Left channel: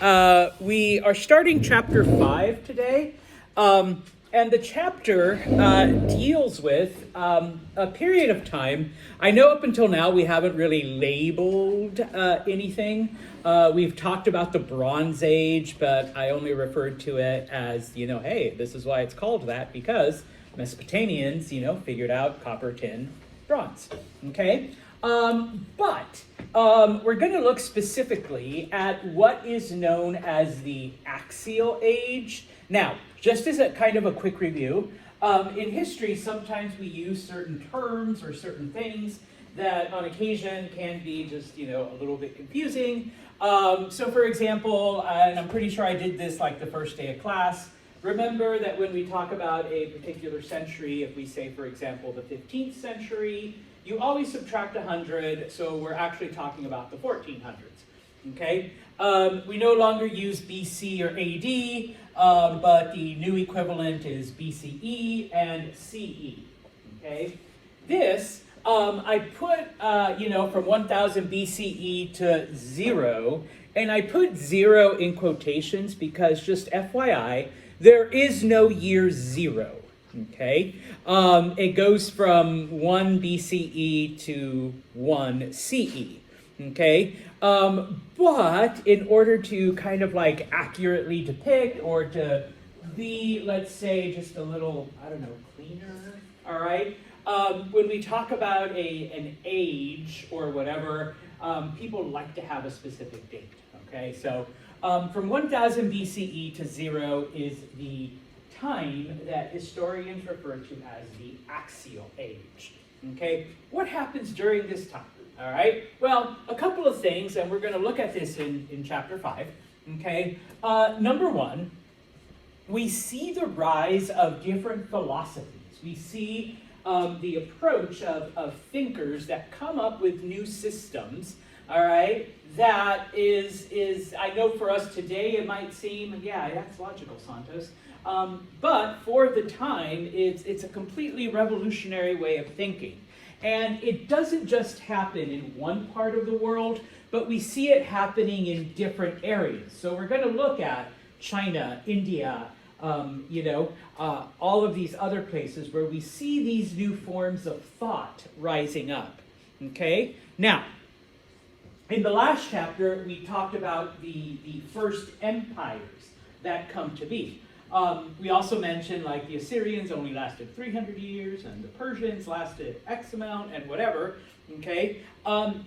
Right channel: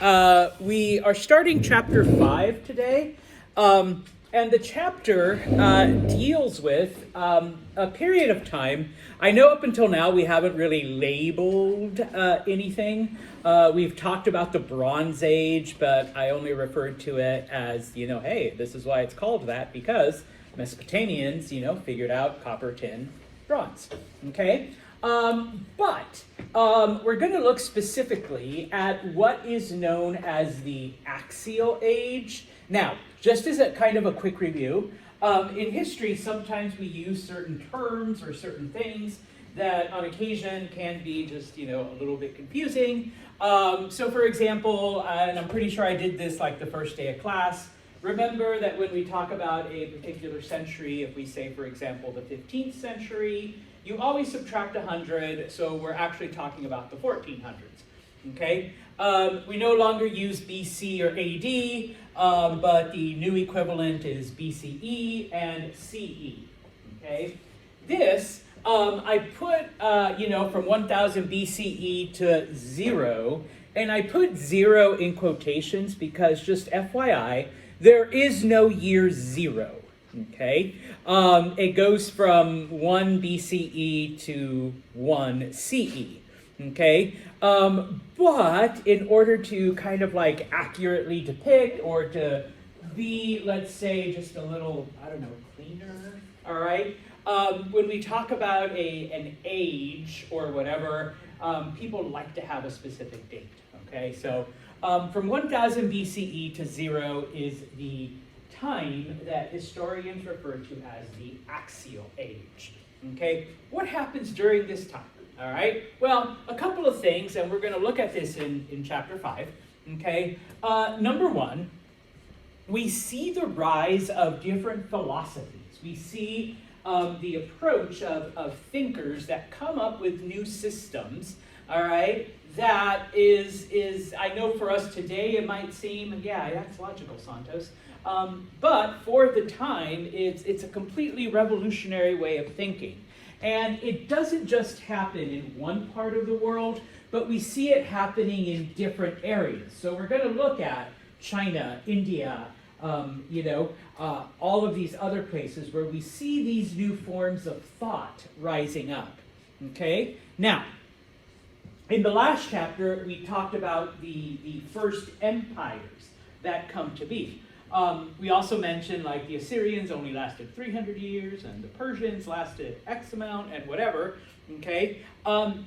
We are starting chapter 5 today, and the chapter deals with a period of time. I know up until now we haven't really labeled anything. We've talked about the Bronze Age, but I only referred to it as, hey, this is why it's called that, because Mesopotamians, figured out copper, tin, bronze, okay? But we're going to look specifically at what is known as the Axial Age. Now, just as a kind of a quick review, in history, sometimes we use certain terms or certain things that on occasion can be just, a little bit confusing. So for example, and I'm pretty sure I did this like the first day of class, remember that when we talk about a particular century, if we say, for example, the 15th century, you always subtract 100, so we're actually talking about the 1400s, okay? We no longer use BC or AD, but the new equivalent is BCE and CE, okay? This, I put, from 1000 BCE to 0, and I put 0 in quotations because, just FYI, there is no year 0, okay? It goes from 1 BCE to 1 CE, okay? But in order to kind of like accurately depict or to be, let's say, just a little, cleaner, all right? When we talk about an age or whatever, people like to have a specific date, okay? So from 1000 BCE to 0 is the time that historians refer to as the Axial Age, okay? What happens during this time, all right? Well, a couple of things, and we're going to look at this in chapter 5, okay? Number one, we see the rise of different philosophies. We see the approach of thinkers that come up with new systems, all right? That is, I know for us today it might seem, yeah, that's logical, Santos. But for the time, it's a completely revolutionary way of thinking. And it doesn't just happen in one part of the world, but we see it happening in different areas. So we're going to look at China, India, all of these other places where we see these new forms of thought rising up, okay? Now, in the last chapter, we talked about the first empires that come to be. We also mentioned like the Assyrians only lasted 300 years and the Persians lasted X amount and whatever, okay?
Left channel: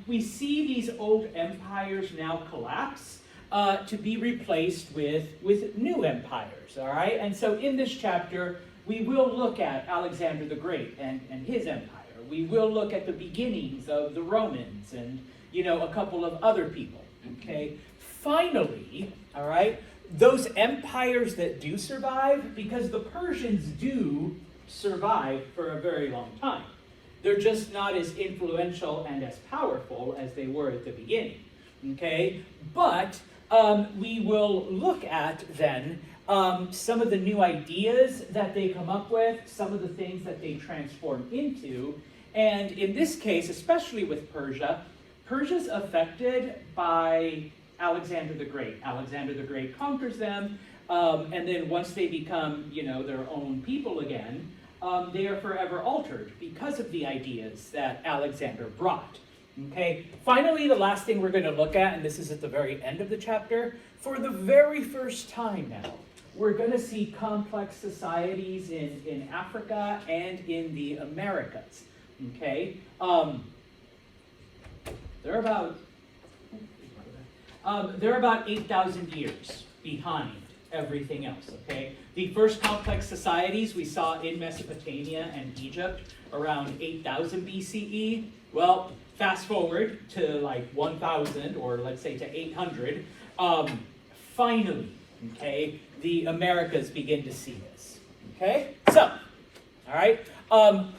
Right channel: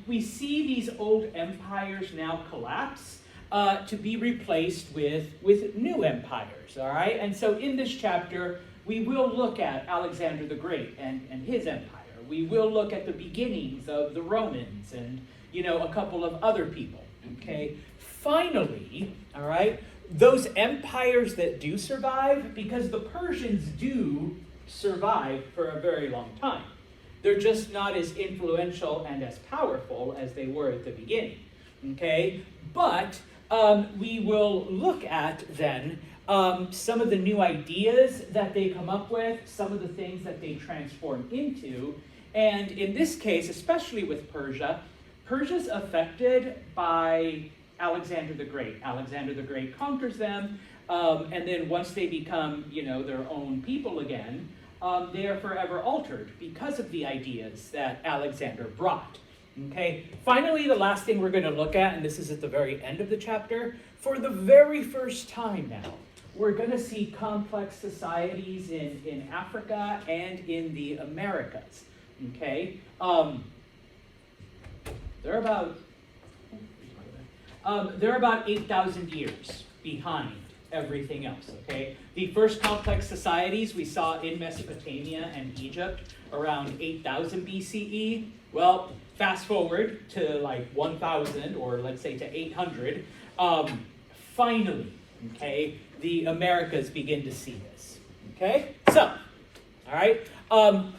We see these old empires now collapse to be replaced with new empires, all right? And so in this chapter, we will look at Alexander the Great and his empire. We will look at the beginnings of the Romans and, a couple of other people, okay? Finally, all right, those empires that do survive, because the Persians do survive for a very long time. They're just not as influential and as powerful as they were at the beginning, okay? But we will look at then some of the new ideas that they come up with, some of the things that they transform into, and in this case, especially with Persia, Persia's affected by Alexander the Great. Alexander the Great conquers them, and then once they become, their own people again, they are forever altered because of the ideas that Alexander brought. Okay. Finally, the last thing we're going to look at, and this is at the very end of the chapter, for the very first time now, we're going to see complex societies in Africa and in the Americas. Okay. They're about 8,000 years behind everything else, okay? The first complex societies we saw in Mesopotamia and Egypt around 8,000 BCE. Well, fast forward to like 1,000, or let's say to 800. Finally, okay, the Americas begin to see this, okay? So, all right,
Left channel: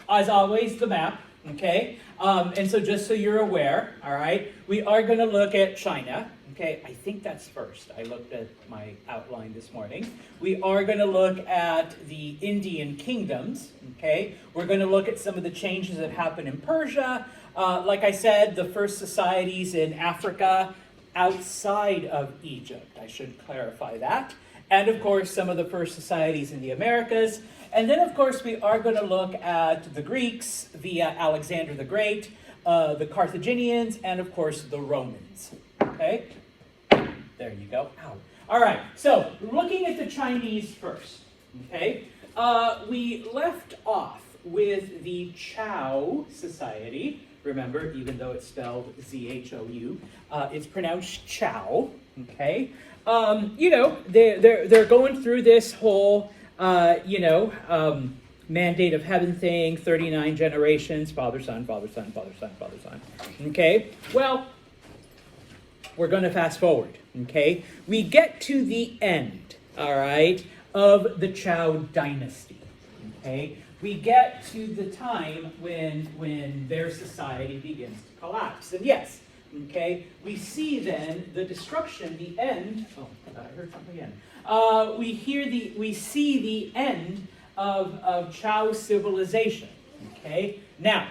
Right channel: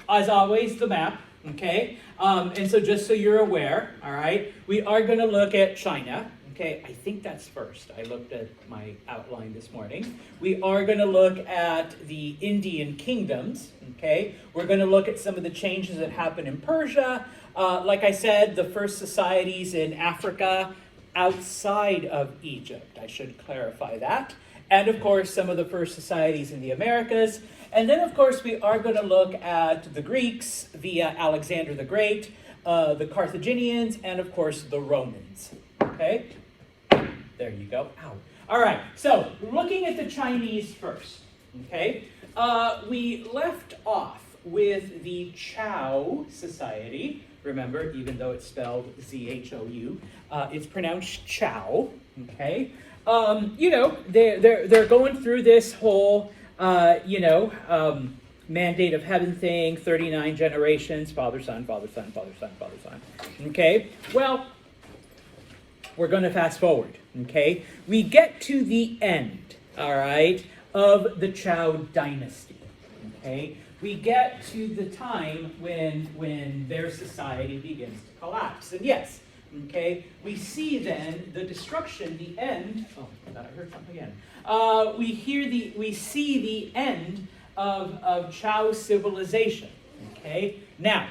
as always, the map, okay? And so just so you're aware, all right, we are going to look at China. Okay, I think that's first. I looked at my outline this morning. We are going to look at the Indian kingdoms, okay? We're going to look at some of the changes that happen in Persia. Like I said, the first societies in Africa, outside of Egypt. I should clarify that. And of course, some of the first societies in the Americas. And then, of course, we are going to look at the Greeks via Alexander the Great, the Carthaginians, and of course, the Romans. Okay? There you go. Ow. All right, so looking at the Chinese first. Okay? We left off with the Zhou society. Remember, even though it's spelled Z-H-O-U, it's pronounced Chow. Okay? You know, they're going through this whole, mandate of heaven thing, 39 generations, father, son, father, son, father, son, father, son. Okay? Well, we're going to fast forward. Okay? We get to the end, all right, of the Zhou dynasty. Okay? We get to the time when their society begins to collapse. And yes, okay, we see then the destruction, the end. Oh, I heard something again. We see the end of Zhou civilization. Okay, now,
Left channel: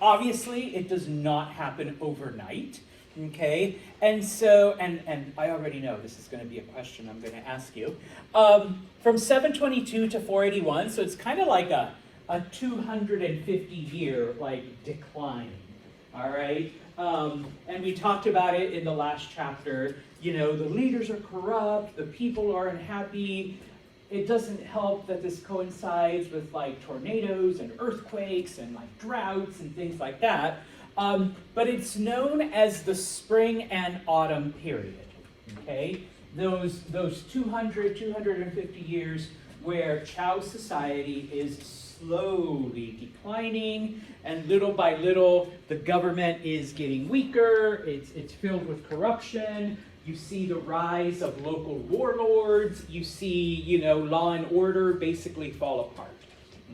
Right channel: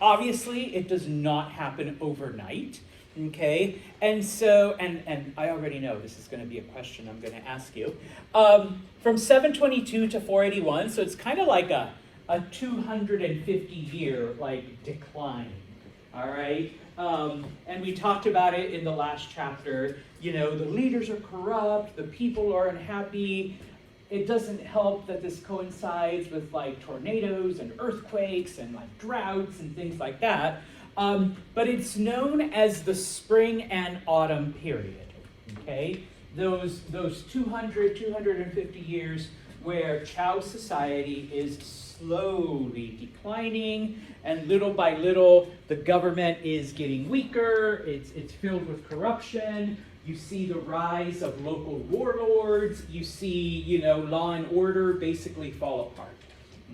obviously, it does not happen overnight. Okay, and so, and I already know this is going to be a question I'm going to ask you. From 722 to 481, so it's kind of like a 250-year like decline. All right, and we talked about it in the last chapter. You know, the leaders are corrupt, the people are unhappy. It doesn't help that this coincides with like tornadoes and earthquakes and like droughts and things like that. But it's known as the spring and autumn period. Okay, those 250 years where Zhou society is slowly declining, and little by little, the government is getting weaker. It's filled with corruption. You see the rise of local warlords. You see, you know, law and order basically fall apart.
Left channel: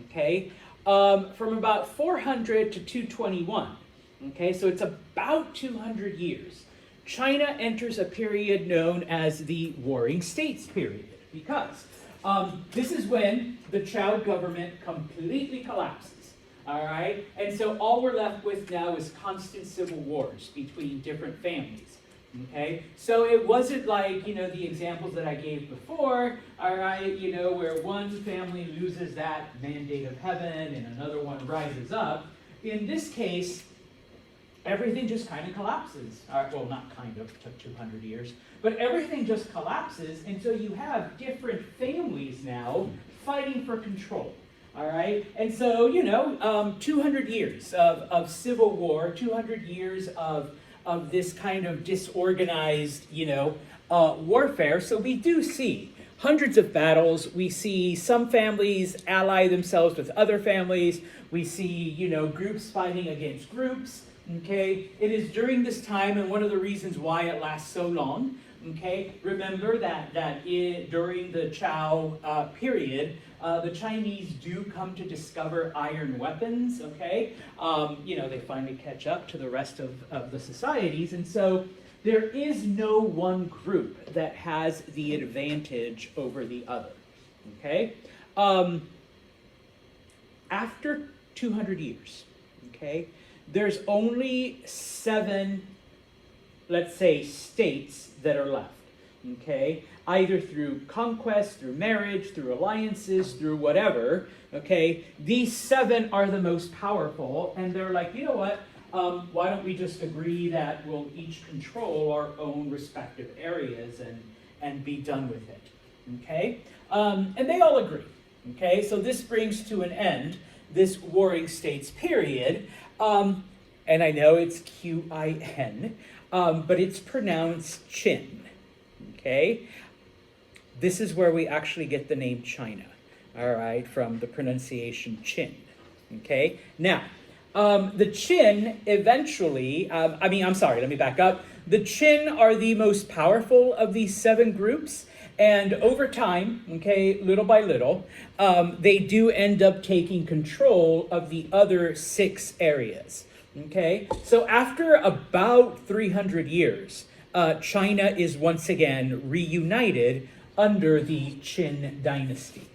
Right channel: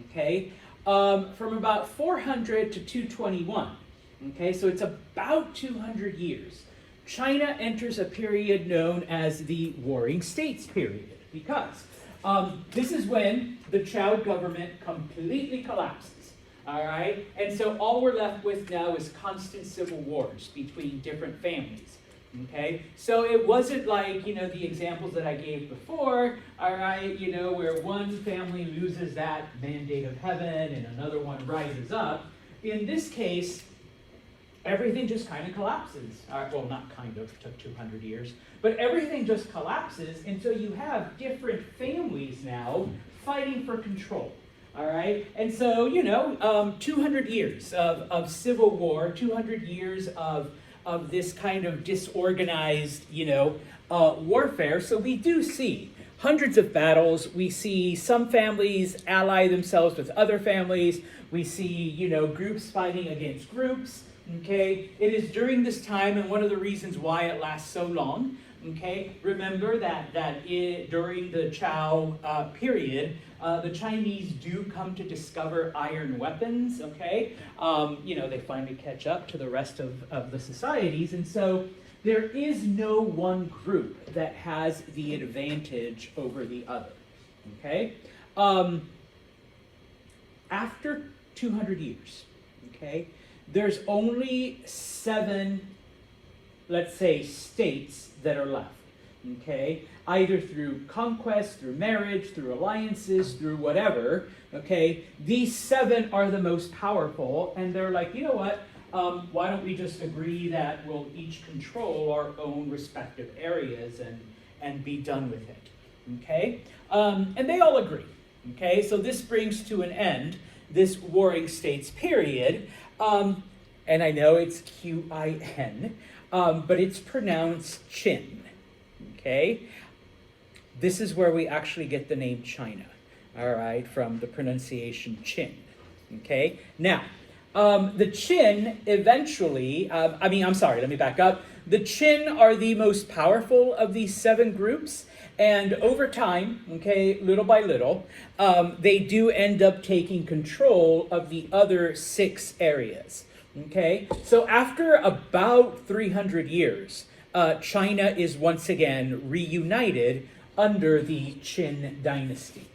Okay, from about 400 to 221. Okay, so it's about 200 years. China enters a period known as the Warring States period, because this is when the Zhou government completely collapses, all right? And so all we're left with now is constant civil wars between different families, okay? So it wasn't like, you know, the examples that I gave before, all right, you know, where one family loses that mandate of heaven and another one rises up. In this case, everything just kind of collapses. Well, not kind of, took 200 years. But everything just collapses, and so you have different families now fighting for control. All right? And so, you know, 200 years of civil war, 200 years of this kind of disorganized, you know, warfare. So we do see hundreds of battles. We see some families ally themselves with other families. We see, you know, groups fighting against groups. Okay, it is during this time, and one of the reasons why it lasts so long. Okay, remember that during the Zhou period, the Chinese do come to discover iron weapons. Okay, you know, they finally catch up to the rest of the societies, and so there is no one group that has the advantage over the other. Okay, after 200 years. Okay. There's only 7, let's say, states that are left, okay? Either through conquest, through marriage, through alliances, through whatever, okay? These 7 are the most powerful, and they're like, you know what? Why don't we just agree that we'll each control our own respective areas and be done with it, okay? And they all agree, okay? So this brings to an end this Warring States period. And I know it's Qin, but it's pronounced Qin, okay? This is where we actually get the name China, all right, from the pronunciation Qin, okay? Now, the Qin eventually, let me back up. The Qin are the most powerful of these 7 groups, and over time, okay, little by little, they do end up taking control of the other 6 areas, okay? So after about 300 years, China is once again reunited under the Qin dynasty,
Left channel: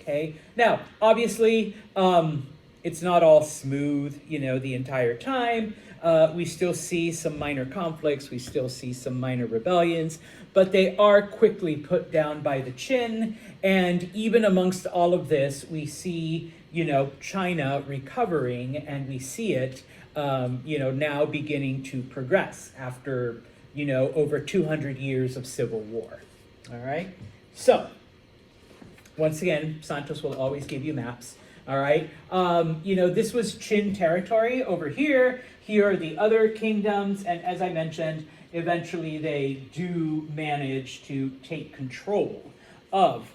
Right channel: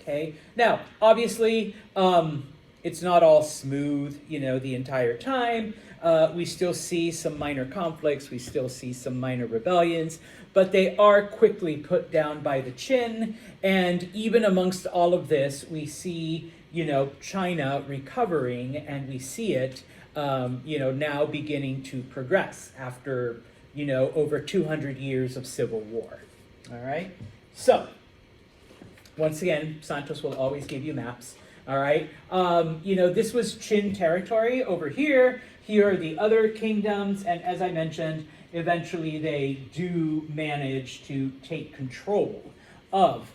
okay? Now, obviously, it's not all smooth, you know, the entire time. We still see some minor conflicts, we still see some minor rebellions, but they are quickly put down by the Qin. And even amongst all of this, we see, China recovering, and we see it, now beginning to progress after, over 200 years of civil war. All right. So, once again, Santos will always give you maps. All right. This was Qin territory over here. Here are the other kingdoms. And as I mentioned, eventually they do manage to take control of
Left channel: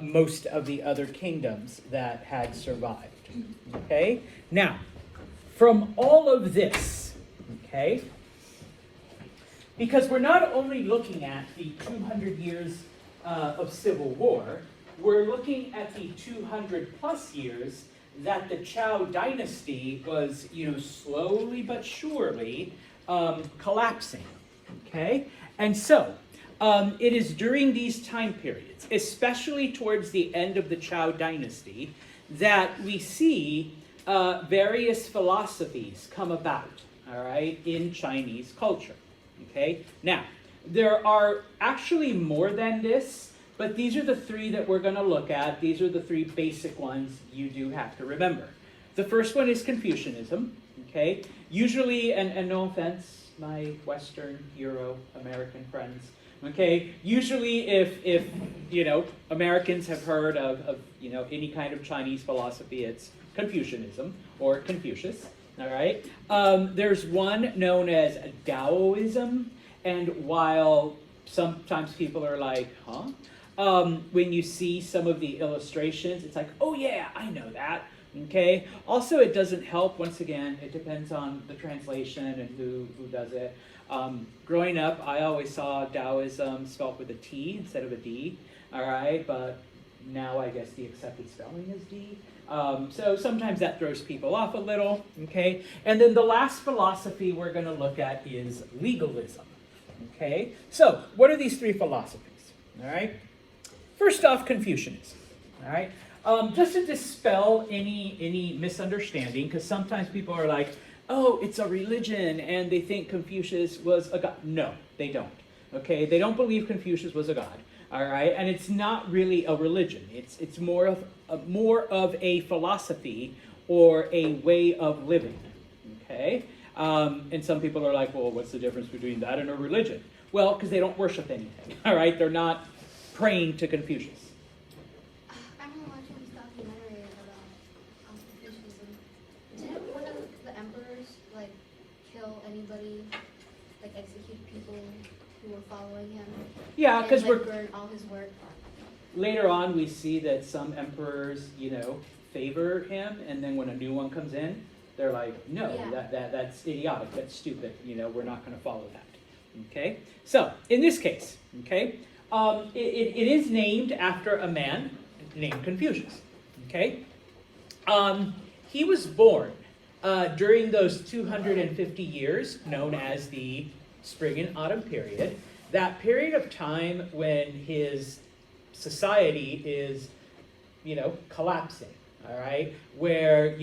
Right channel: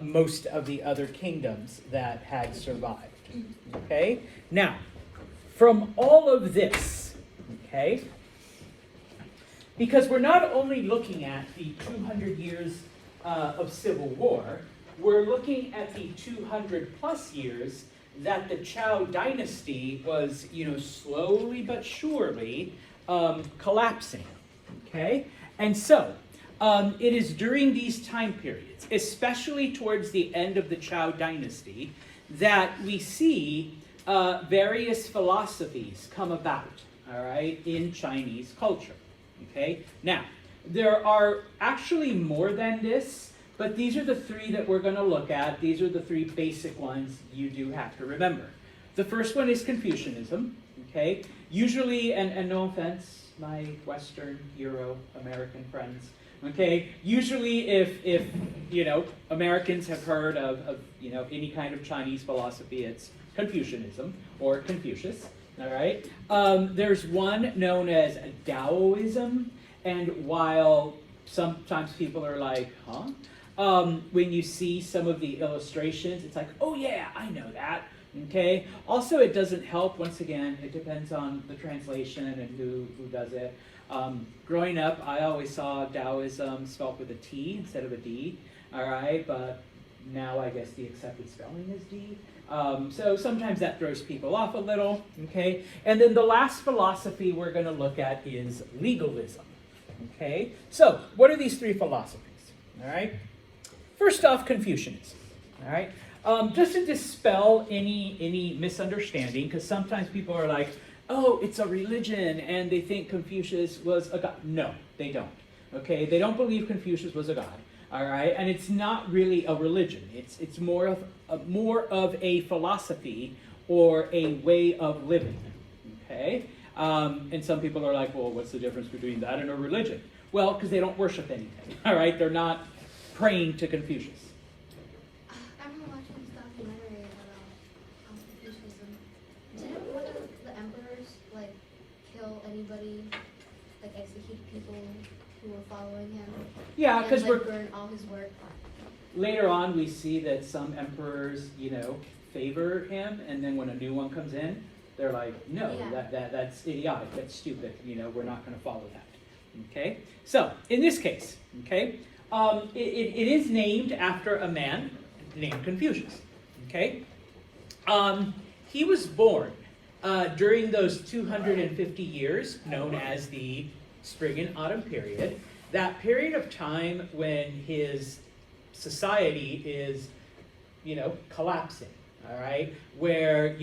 most of the other kingdoms that had survived. Okay. Now, from all of this, okay, because we're not only looking at the 200 years of civil war, we're looking at the 200 plus years that the Zhou dynasty was, slowly but surely collapsing, okay? And so, it is during these time periods, especially towards the end of the Zhou dynasty, that we see various philosophies come about, all right, in Chinese culture, okay? Now, there are actually more than this, but these are the three that we're going to look at. These are the three basic ones you do have to remember. The first one is Confucianism, okay? Usually, and no offense, my Western, Euro-American friends, okay? Usually if Americans have heard of any kind of Chinese philosophy, it's Confucianism or Confucius, all right? There's one known as Taoism, and while sometimes people are like, huh? When you see some of the illustrations, it's like, oh yeah, I know that, okay? Also, it doesn't help, once again, it depends on the translation and who does it. Growing up, I always saw Taoism spelled with a T instead of a D, all right? But now I guess the accepted spelling is D. So sometimes that throws people off a little, okay? And then the last philosophy we're going to look at is legalism, okay? So what are these three philosophies, all right? First off, Confucianism, all right? Just to dispel any misunderstanding, because sometimes people are like, oh, it's a religion, and they think Confucius was a god. No, they don't, okay? They don't believe Confucius was a god, all right? And it's not really a religion. It's more of a philosophy or a way of living, okay? And some people are like, well, what's the difference between that and a religion? Well, because they don't worship anything, all right? They're not praying to Confucius. I don't know, watch some documentary about Confucianism. Didn't one of the emperors kill anybody, execute people who were following him? Yeah, because we're burn all his work. Later on we see that some emperors, favor him, and then when a new one comes in, they're like, no, yeah. that's idiotic, that's stupid, we're not going to follow that. Okay, so in this case, okay, it is named after a man named Confucius. Okay, he was born during those 250 years known as the Spring and Autumn period. That period of time when his society is, collapsing. All right, where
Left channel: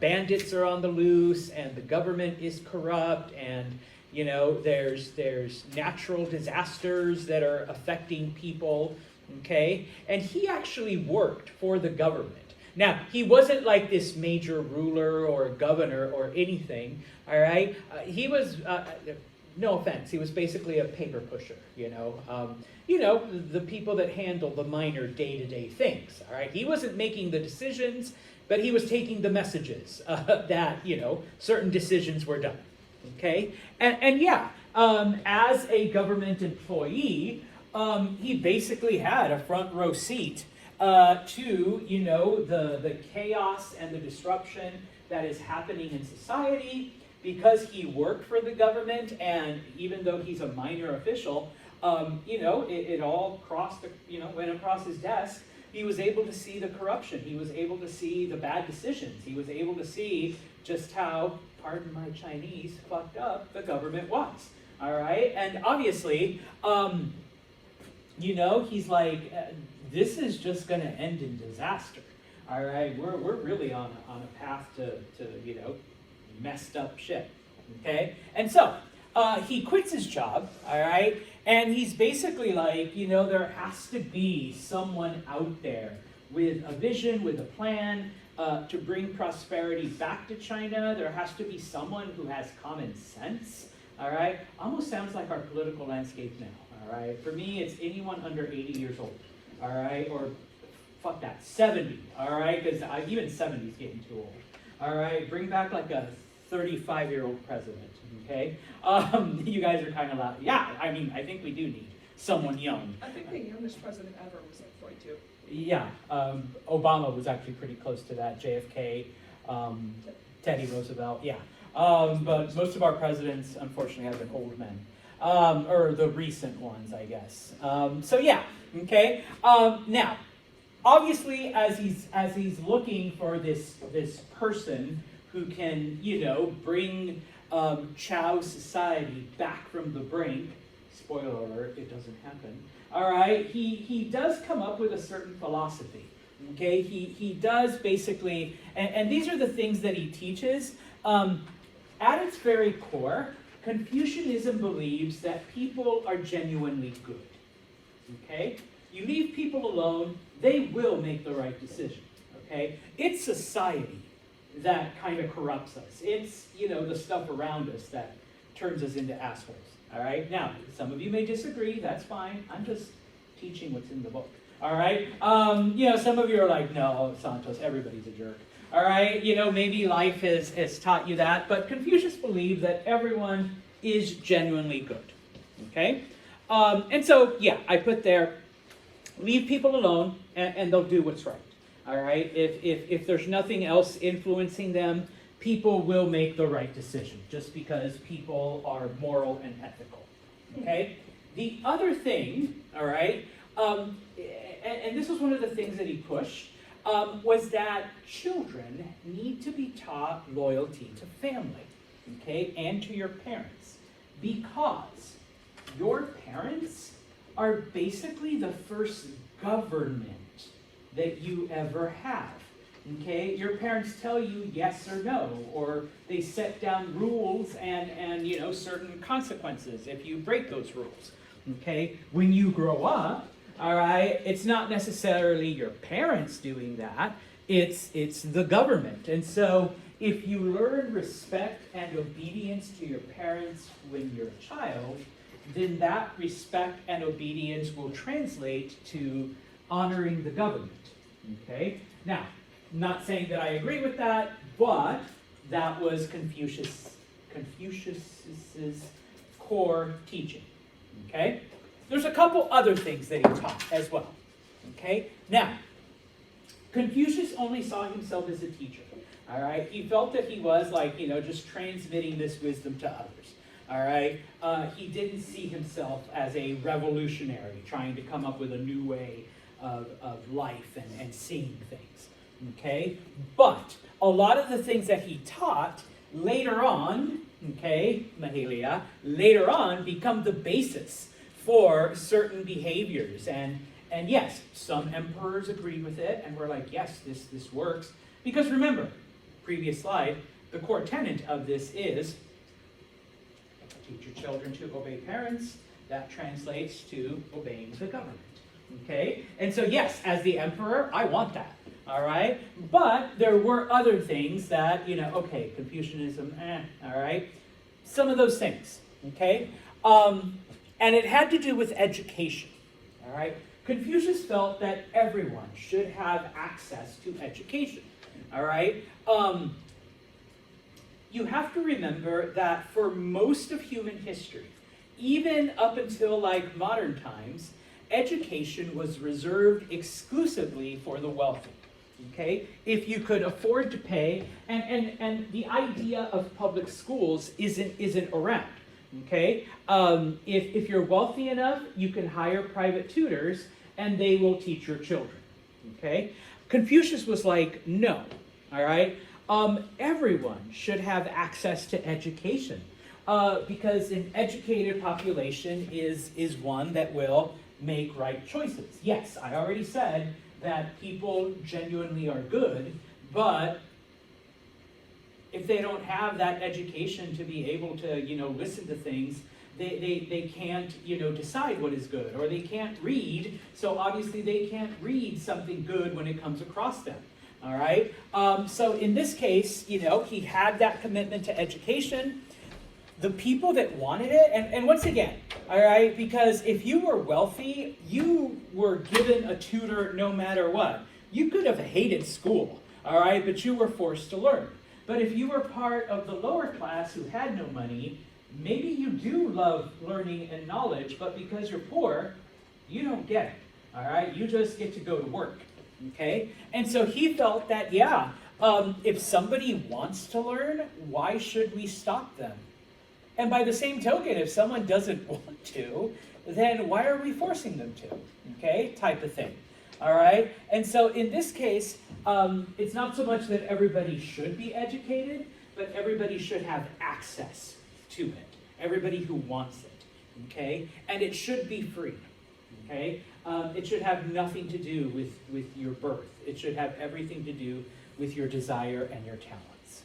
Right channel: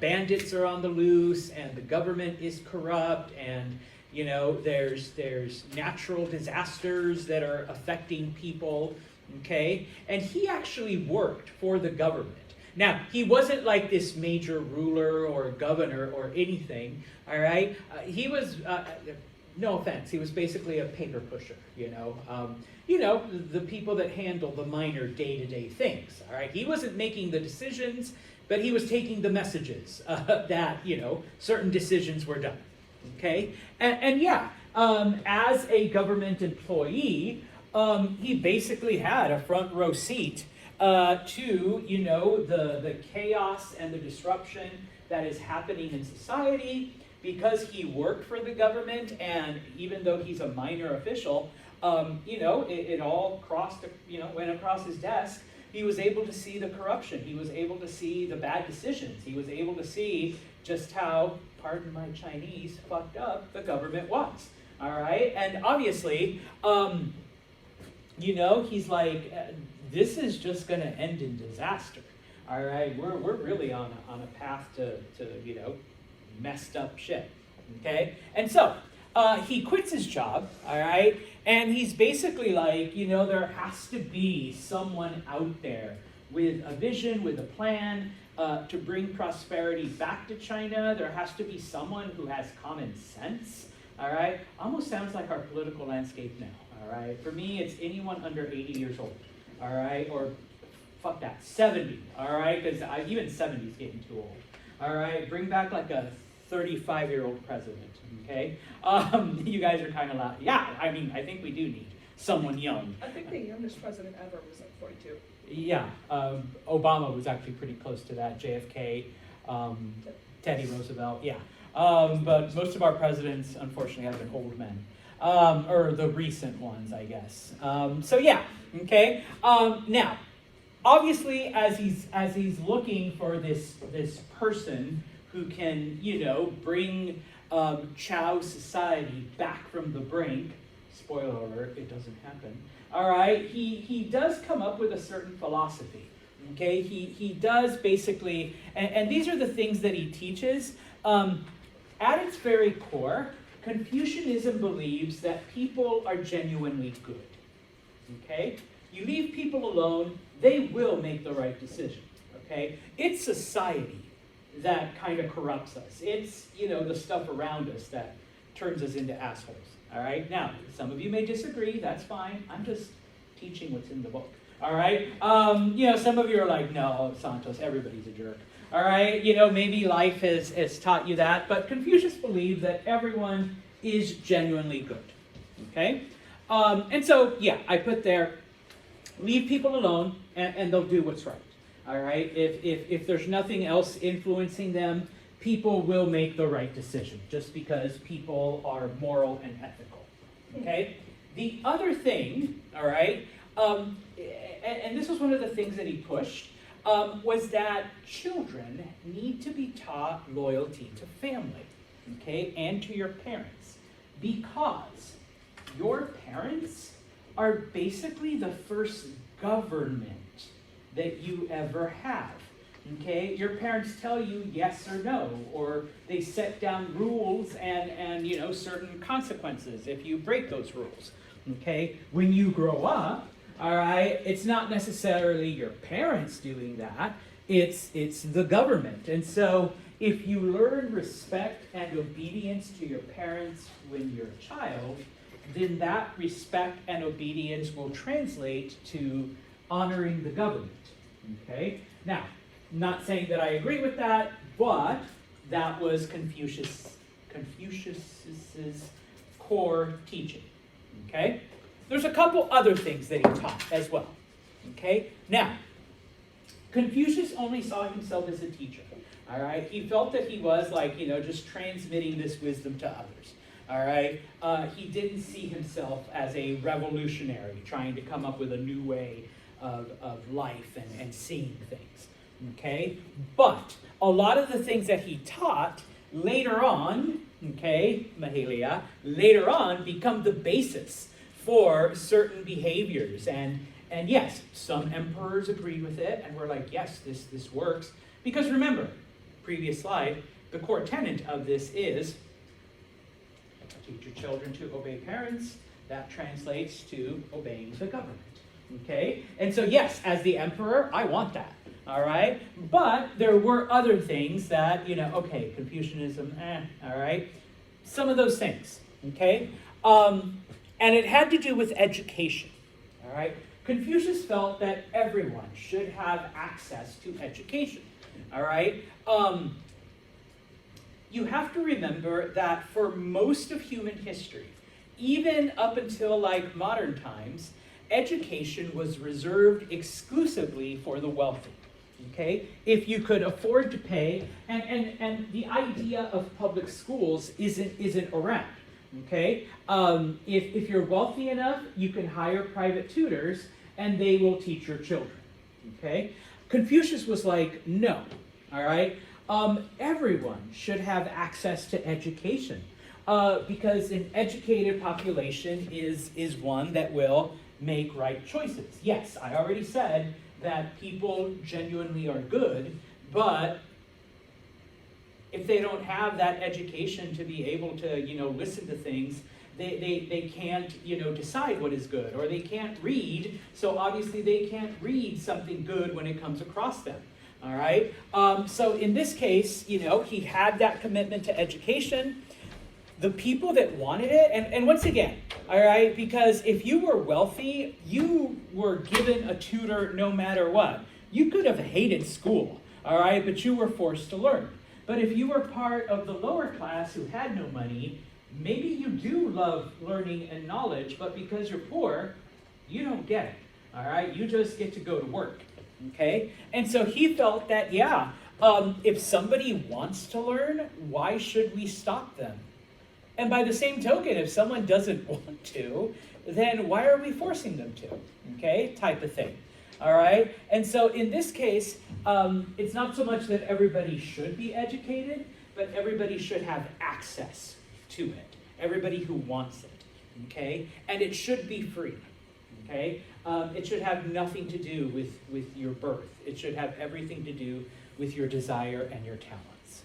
bandits are on the loose and the government is corrupt, and there's natural disasters that are affecting people, okay? And he actually worked for the government. Now, he wasn't like this major ruler or governor or anything, all right? He was, no offense, he was basically a paper pusher, the people that handle the minor day-to-day things, all right? He wasn't making the decisions, but he was taking the messages that, certain decisions were done, okay? And yeah, as a government employee, he basically had a front row seat to, the chaos and the disruption that is happening in society, because he worked for the government, and even though he's a minor official, it all went across his desk. He was able to see the corruption. He was able to see the bad decisions. He was able to see just how, pardon my Chinese, fucked up the government was. All right? And obviously, he's like, this is just going to end in disaster. All right? We're really on a path to messed up shit. Okay? And so, he quits his job, all right? And he's basically like, there has to be someone out there with a vision, with a plan to bring prosperity back to China. There has to be someone who has common sense, all right? Almost sounds like our political landscape now, all right? For me, it's anyone under 80 years old, all right? Or fuck that, 70, all right? Because even 70 is getting too old, all right? Bring back like a 35-year-old president, okay? You guys are kind of laughing. Yeah, I mean, I think we do need someone young. I think the youngest president ever was like 42. Yeah, Obama was actually pretty close to that. JFK, Teddy Roosevelt, yeah. But most of our presidents, unfortunately, have been older men, or the recent ones, I guess. So yeah, okay. Now, obviously, as he's looking for this person who can, bring Chao society back from the brink. Spoiler alert, it doesn't happen. All right, he does come up with a certain philosophy. Okay, he does basically, and these are the things that he teaches. At its very core, Confucianism believes that people are genuinely good. Okay, you leave people alone, they will make the right decision. Okay, it's society that kind of corrupts us. It's the stuff around us that turns us into assholes. All right. Now, some of you may disagree. That's fine. I'm just teaching what's in the book. All right. Some of you are like, no, Santos, everybody's a jerk. All right. Maybe life has taught you that, but Confucius believed that everyone is genuinely good. Okay. And so, yeah, I put there, leave people alone, and they'll do what's right. All right. If there's nothing else influencing them, people will make the right decision just because people are moral and ethical. Okay? The other thing, all right, and this was one of the things that he pushed, was that children need to be taught loyalty to family, okay, and to your parents, because your parents are basically the first government that you ever have. Okay, your parents tell you yes or no, or they set down rules and certain consequences if you break those rules. Okay, when you grow up, all right, it's not necessarily your parents doing that. It's the government. And so if you learn respect and obedience to your parents when you're a child, then that respect and obedience will translate to honoring the government. Okay, now, not saying that I agree with that, but that was Confucius's core teaching. Okay? There's a couple other things that he taught as well. Okay? Now, Confucius only saw himself as a teacher. All right? He felt that he was just transmitting this wisdom to others. All right? He didn't see himself as a revolutionary trying to come up with a new way of life and seeing things. Okay? But a lot of the things that he taught later on, okay, Mahalia, later on become the basis for certain behaviors. And yes, some emperors agree with it, and we're like, yes, this works. Because remember, previous slide, the core tenet of this is teach your children to obey parents. That translates to obeying the government. Okay? And so yes, as the emperor, I want that. All right? But there were other things that, okay, Confucianism, all right? Some of those things, okay? And it had to do with education, all right? Confucius felt that everyone should have access to education, all right? You have to remember that for most of human history, even up until modern times, education was reserved exclusively for the wealthy. Okay, if you could afford to pay, and the idea of public schools isn't around. Okay, if you're wealthy enough, you can hire private tutors, and they will teach your children. Okay, Confucius was like, no, all right, everyone should have access to education, because an educated population is one that will make right choices. Yes, I already said that people genuinely are good, but if they don't have that education to be able to, listen to things, they can't, decide what is good, or they can't read, so obviously they can't read something good when it comes across them. All right? So in this case, he had that commitment to education. The people that wanted it, and once again, all right, because if you were wealthy, you were given a tutor no matter what. You could have hated school, all right, but you were forced to learn. But if you were part of the lower class who had no money, maybe you do love learning and knowledge, but because you're poor, you don't get it, all right? You just get to go to work, okay? And so he felt that, if somebody wants to learn, why should we stop them? And by the same token, if someone doesn't want to, then why are we forcing them to? Okay, type of thing. All right? And so in this case, it's not so much that everybody should be educated, but everybody should have access to it. Everybody who wants it. Okay? And it should be free. Okay? It should have nothing to do with your birth. It should have everything to do with your desire and your talents.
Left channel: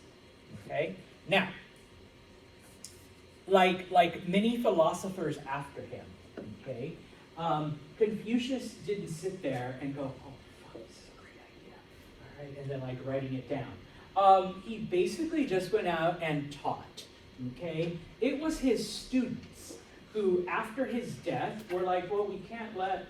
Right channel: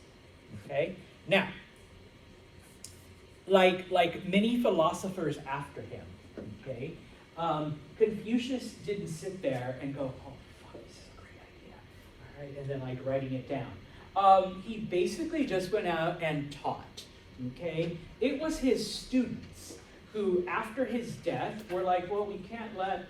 Okay? Now, like many philosophers after him, okay, Confucius didn't sit there and go, oh, fuck, this is a great idea, all right, and then like writing it down. He basically just went out and taught, okay? It was his students who, after his death, were like, well, we can't let,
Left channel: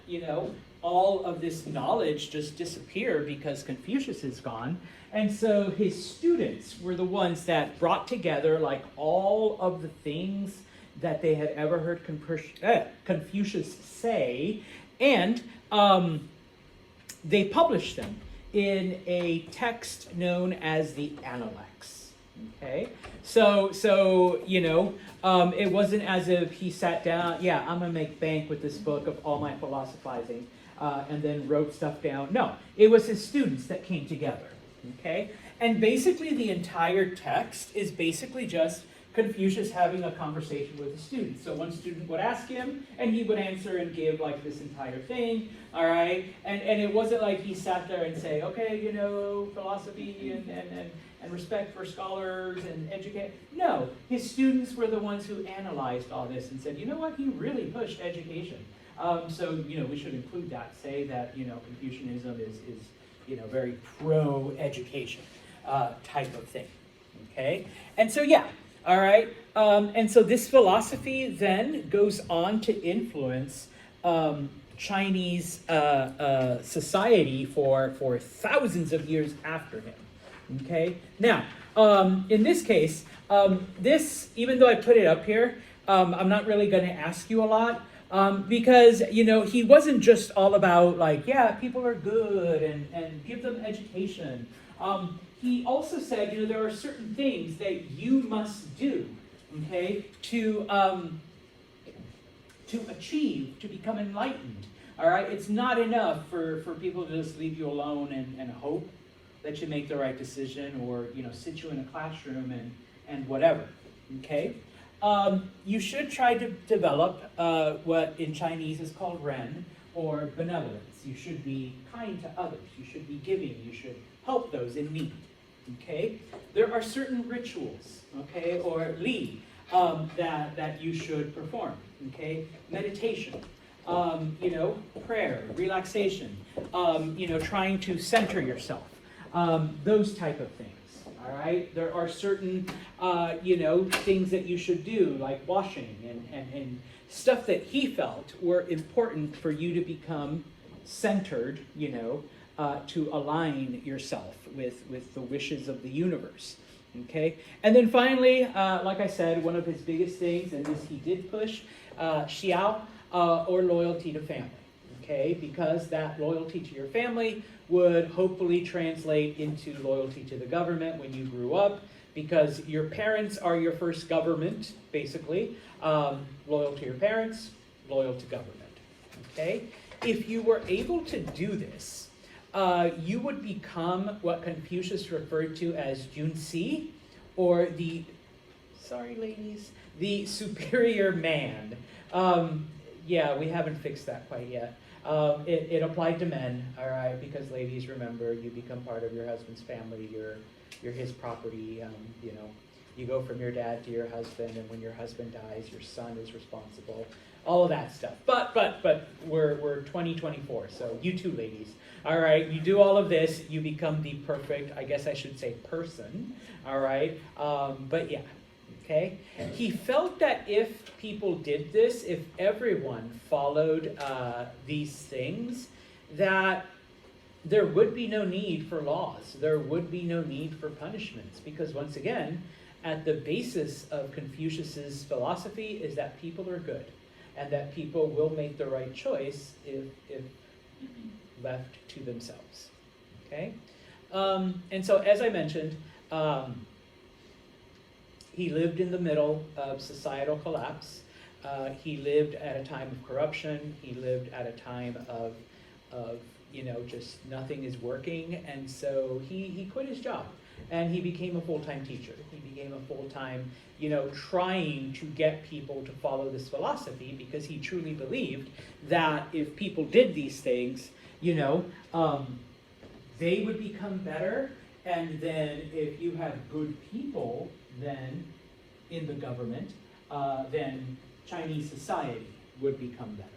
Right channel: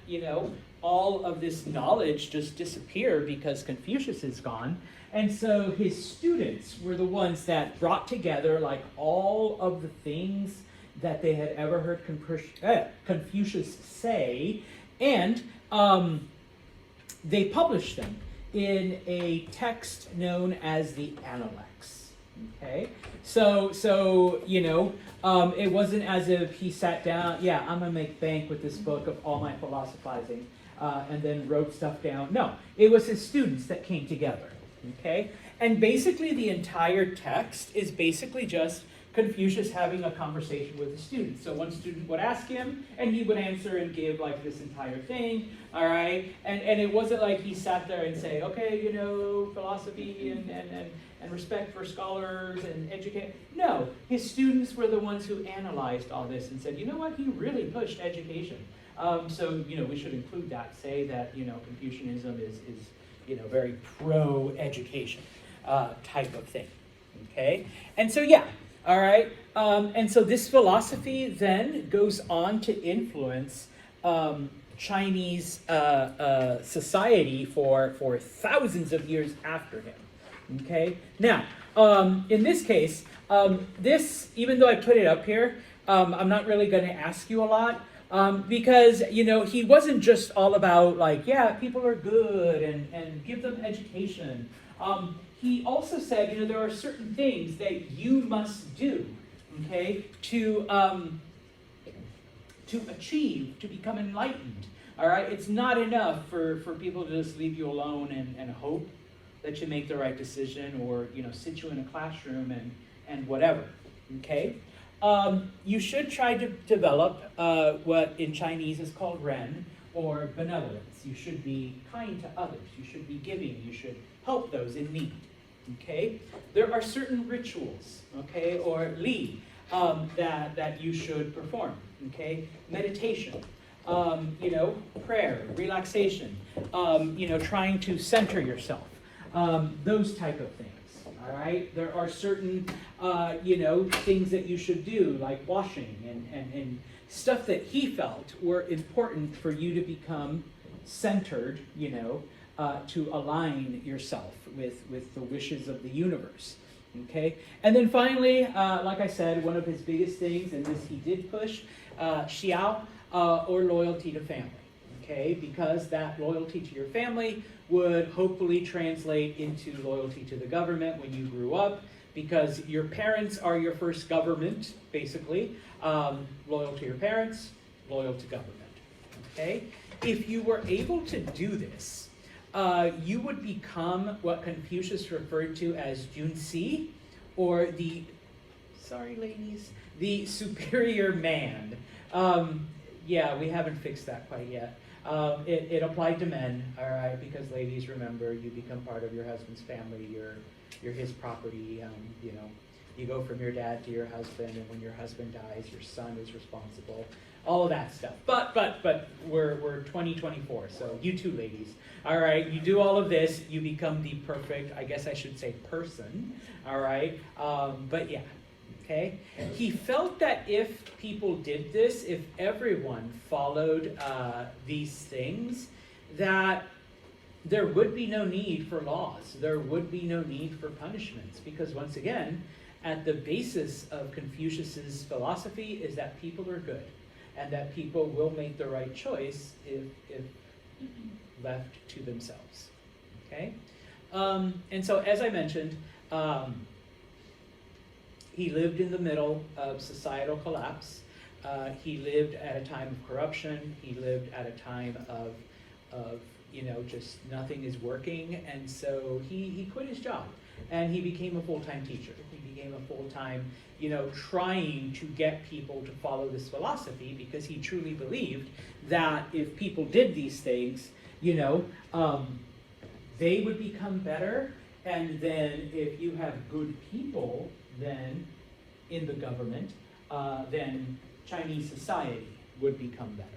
all of this knowledge just disappear because Confucius is gone. And so his students were the ones that brought together like all of the things that they had ever heard Confucius say, and they published them in a text known as the Analects. Okay, so it wasn't as if he sat down, I'm gonna make bank with this book of all my philosophizing, and then wrote stuff down. No, it was his students that came together. Okay, and basically the entire text is basically just Confucius having a conversation with the students. So one student would ask him, and he would answer and give like this entire thing, all right? And it wasn't like he sat there and said, okay, philosophy and respect for scholars and educate. No, his students were the ones who analyzed all this and said, you know what, he really pushed education. So we should include that, say that, Confucianism is very pro-education type of thing, okay? And so, all right, and so this philosophy then goes on to influence Chinese society for thousands of years after him, okay? Now, in this case, even though I put it up here, I'm not really going to ask you a lot, because, he wasn't just all about like, people are good and give them education. He also said, there are certain things that you must do, okay, to achieve, to become enlightened. All right, it's not enough for people to just leave you alone and hope that you make the right decision, or sit you in a classroom and whatever. Okay. You should try to develop what in Chinese is called Ren, or benevolence. You should be kind to others. You should be giving. You should help those in need. Okay? There are certain rituals, okay, or li, that you should perform. Okay? Meditation, prayer, relaxation, trying to center yourself. Those type of things. All right, there are certain, things that you should do, like washing and stuff that he felt were important for you to become centered, to align yourself with the wishes of the universe. Okay, and then finally, like I said, one of his biggest things, and this he did push, xiao, or loyalty to family. Okay, because that loyalty to your family would hopefully translate into loyalty to the government when you grew up, because your parents are your first government, basically. Loyal to your parents, loyal to government. Okay? If you were able to do this, you would become what Confucius referred to as Junsi, or the superior man. We haven't fixed that quite yet. It applied to men, all right, because ladies, remember, you become part of your husband's family, you're you're his property. You know, you go from your dad to your husband, and when your husband dies, your son is responsible. All of that stuff. But we're 2024, so you two ladies. All right, you do all of this, you become the perfect, I guess I should say, person. All right, but yeah, okay. He felt that if people did this, if everyone followed these things, that there would be no need for laws. There would be no need for punishments, because once again, at the basis of Confucius's philosophy is that people are good, and that people will make the right choice if left to themselves. Okay? And so, as I mentioned, he lived in the middle of societal collapse. He lived at a time of corruption. He lived at a time of just nothing is working. And so he quit his job and he became a full-time teacher. He became a full-time, trying to get people to follow this philosophy, because he truly believed that if people did these things, they would become better. And then if you have good people then in the government, then Chinese society would become better.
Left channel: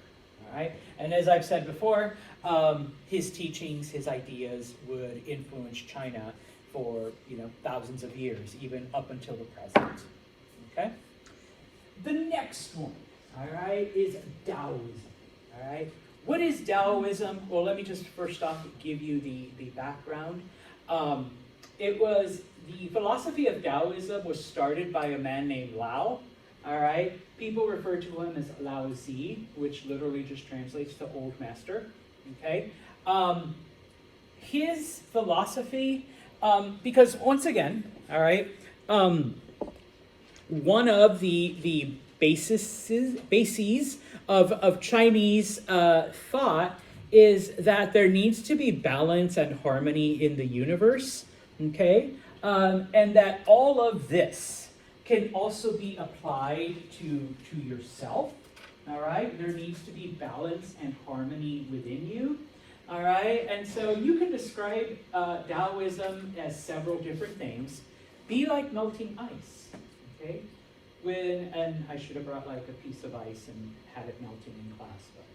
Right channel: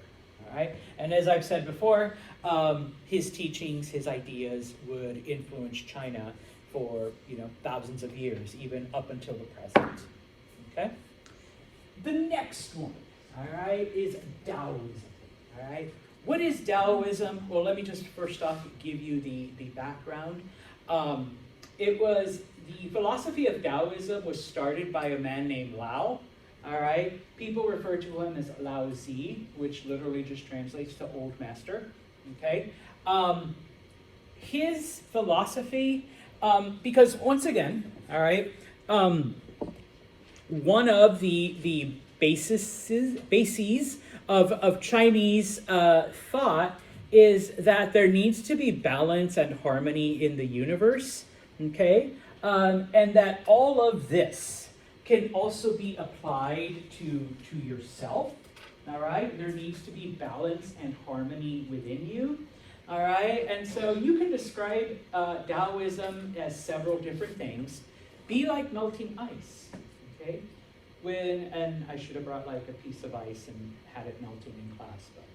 All right? And as I've said before, his teachings, his ideas would influence China for thousands of years, even up until the present. Okay? The next one, all right, is Taoism. All right? What is Taoism? Well, let me just first off give you the background. The philosophy of Taoism was started by a man named Lao. All right, people refer to him as Lao Zi, which literally just translates to old master. Okay, his philosophy, because once again, all right, one of the bases of Chinese thought is that there needs to be balance and harmony in the universe, okay? And that all of this can also be applied to yourself, all right? There needs to be balance and harmony within you, all right? And so you can describe Taoism as several different things. Be like melting ice, okay? And I should have brought like a piece of ice and had it melted in class, but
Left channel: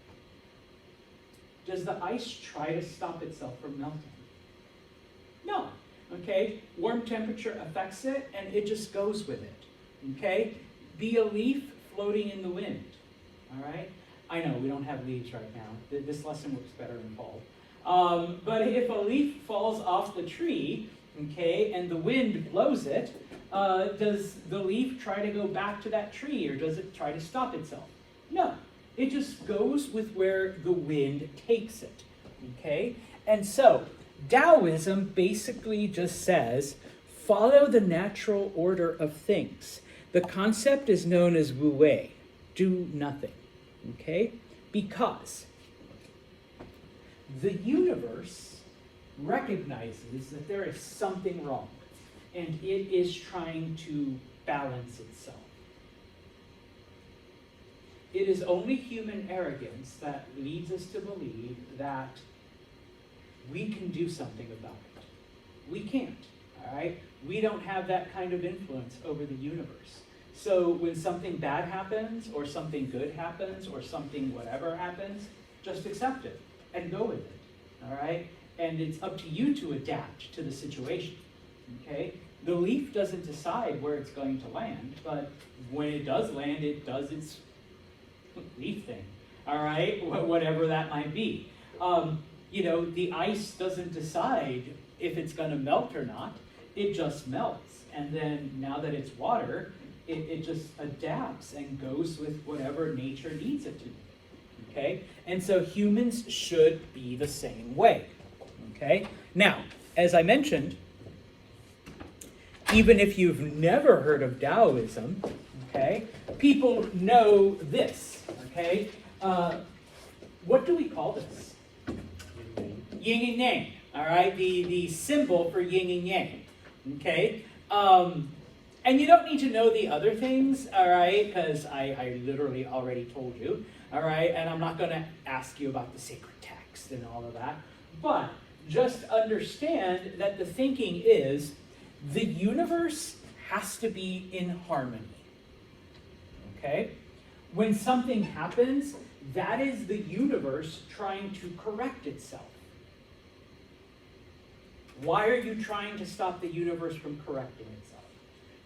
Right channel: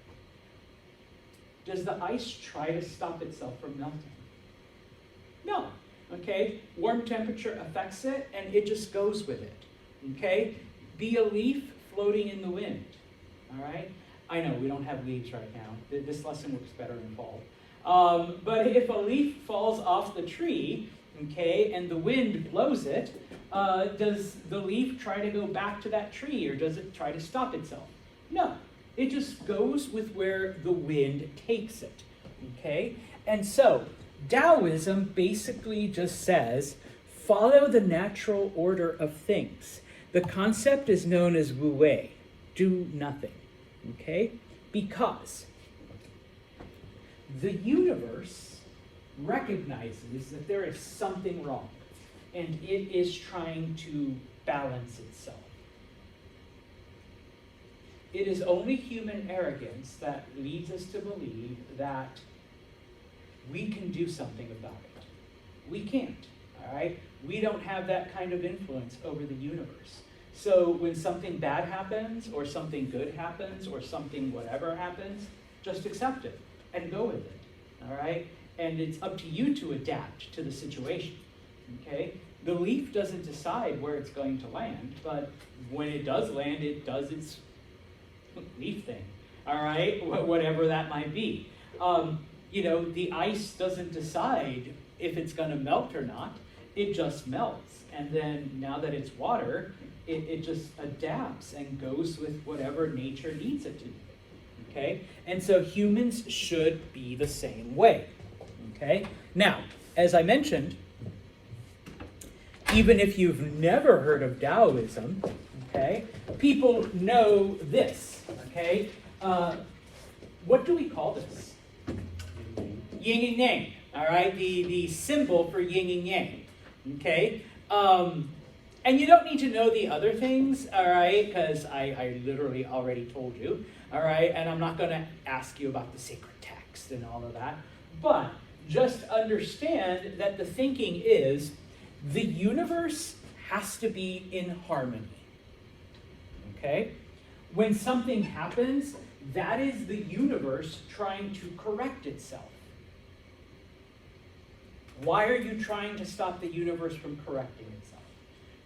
does the ice try to stop itself from melting? No, okay? Warm temperature affects it, and it just goes with it, okay? Be a leaf floating in the wind, all right? I know, we don't have leaves right now. This lesson looks better in fall. But if a leaf falls off the tree, okay, and the wind blows it, does the leaf try to go back to that tree, or does it try to stop itself? No. It just goes with where the wind takes it, okay? And so, Taoism basically just says, follow the natural order of things. The concept is known as Wu Wei, do nothing, okay? Because the universe recognizes that there is something wrong, and it is trying to balance itself. It is only human arrogance that leads us to believe that we can do something about it. We can't, all right? We don't have that kind of influence over the universe. So when something bad happens, or something good happens, or something whatever happens, just accept it and go with it, all right? And it's up to you to adapt to the situation, okay? The leaf doesn't decide where it's going to land, but when it does land, it does its leaf thing, all right? Whatever that might be. The ice doesn't decide if it's going to melt or not. It just melts. And then now that it's water, it just adapts and goes with whatever nature needs it to be, okay? And so humans should be the same way, okay? Now, as I mentioned, even if you've never heard of Taoism, okay, people know this, okay? What do we call this? Yin and Yang, all right? The symbol for yin and yang, okay? And you don't need to know the other things, all right? Because I literally already told you, all right? And I'm not going to ask you about the sacred text and all of that. But just understand that the thinking is, the universe has to be in harmony. Okay? When something happens, that is the universe trying to correct itself. Why are you trying to stop the universe from correcting itself?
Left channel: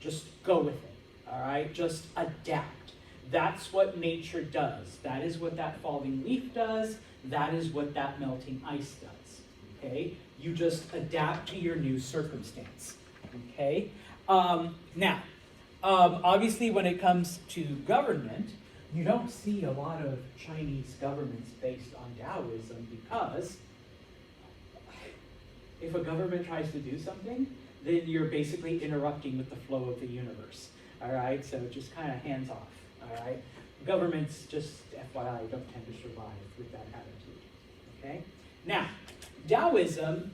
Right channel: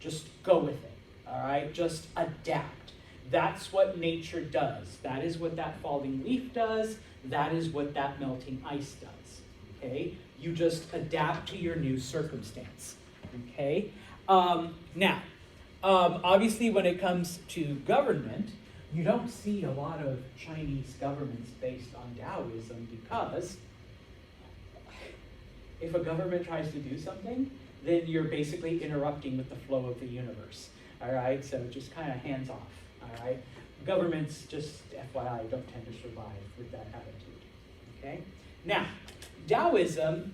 Just go with it, all right? Just adapt. That's what nature does. That is what that falling leaf does. That is what that melting ice does, okay? You just adapt to your new circumstance, okay? Now, obviously when it comes to government, you don't see a lot of Chinese governments based on Taoism because if a government tries to do something, then you're basically interrupting with the flow of the universe, all right? So just kind of hands off, all right? Governments, just FYI, don't tend to survive with that attitude, okay? Now, Taoism,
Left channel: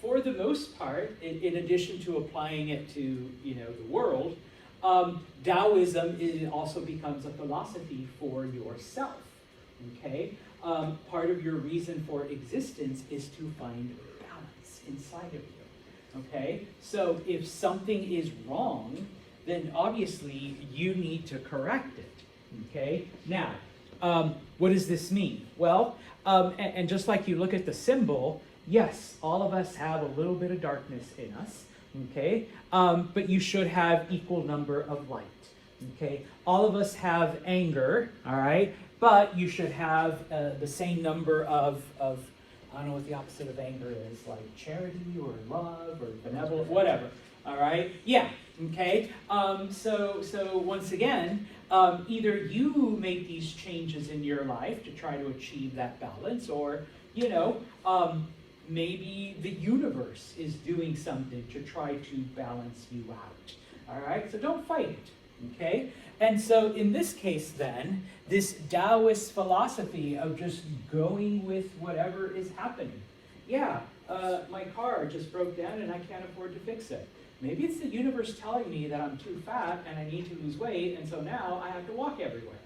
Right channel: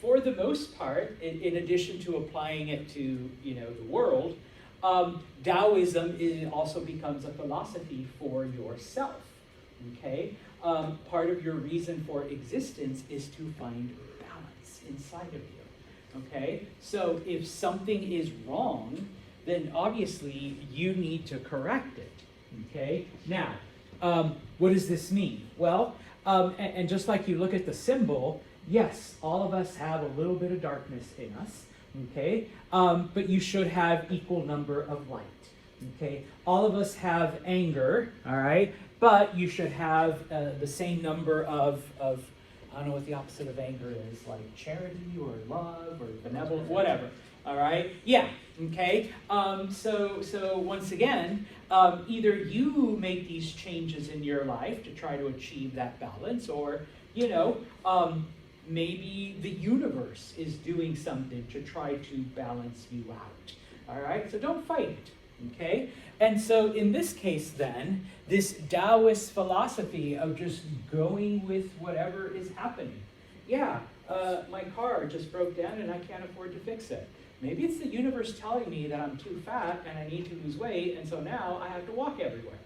for the most part, in addition to applying it to, the world, Taoism also becomes a philosophy for yourself, okay? Part of your reason for existence is to find balance inside of you, okay? So if something is wrong, then obviously you need to correct it, okay? Now, what does this mean? Well, and just like you look at the symbol, yes, all of us have a little bit of darkness in us, okay? But you should have equal number of light, okay? All of us have anger, all right? But you should have the same number of, I don't know what the opposite of anger is, like charity or love or benevolence, whatever, all right? Yeah, okay? So once again, either you make these changes in your life to try to achieve that balance, or, maybe the universe is doing something to try to balance you out, all right? So don't fight it, okay? And so in this case then, this Taoist philosophy of just going with whatever is happening. Yeah, my car just broke down and I can't afford to fix it. Maybe it's the universe telling me that I'm too fat and I need to lose weight, and so now I have to walk everywhere.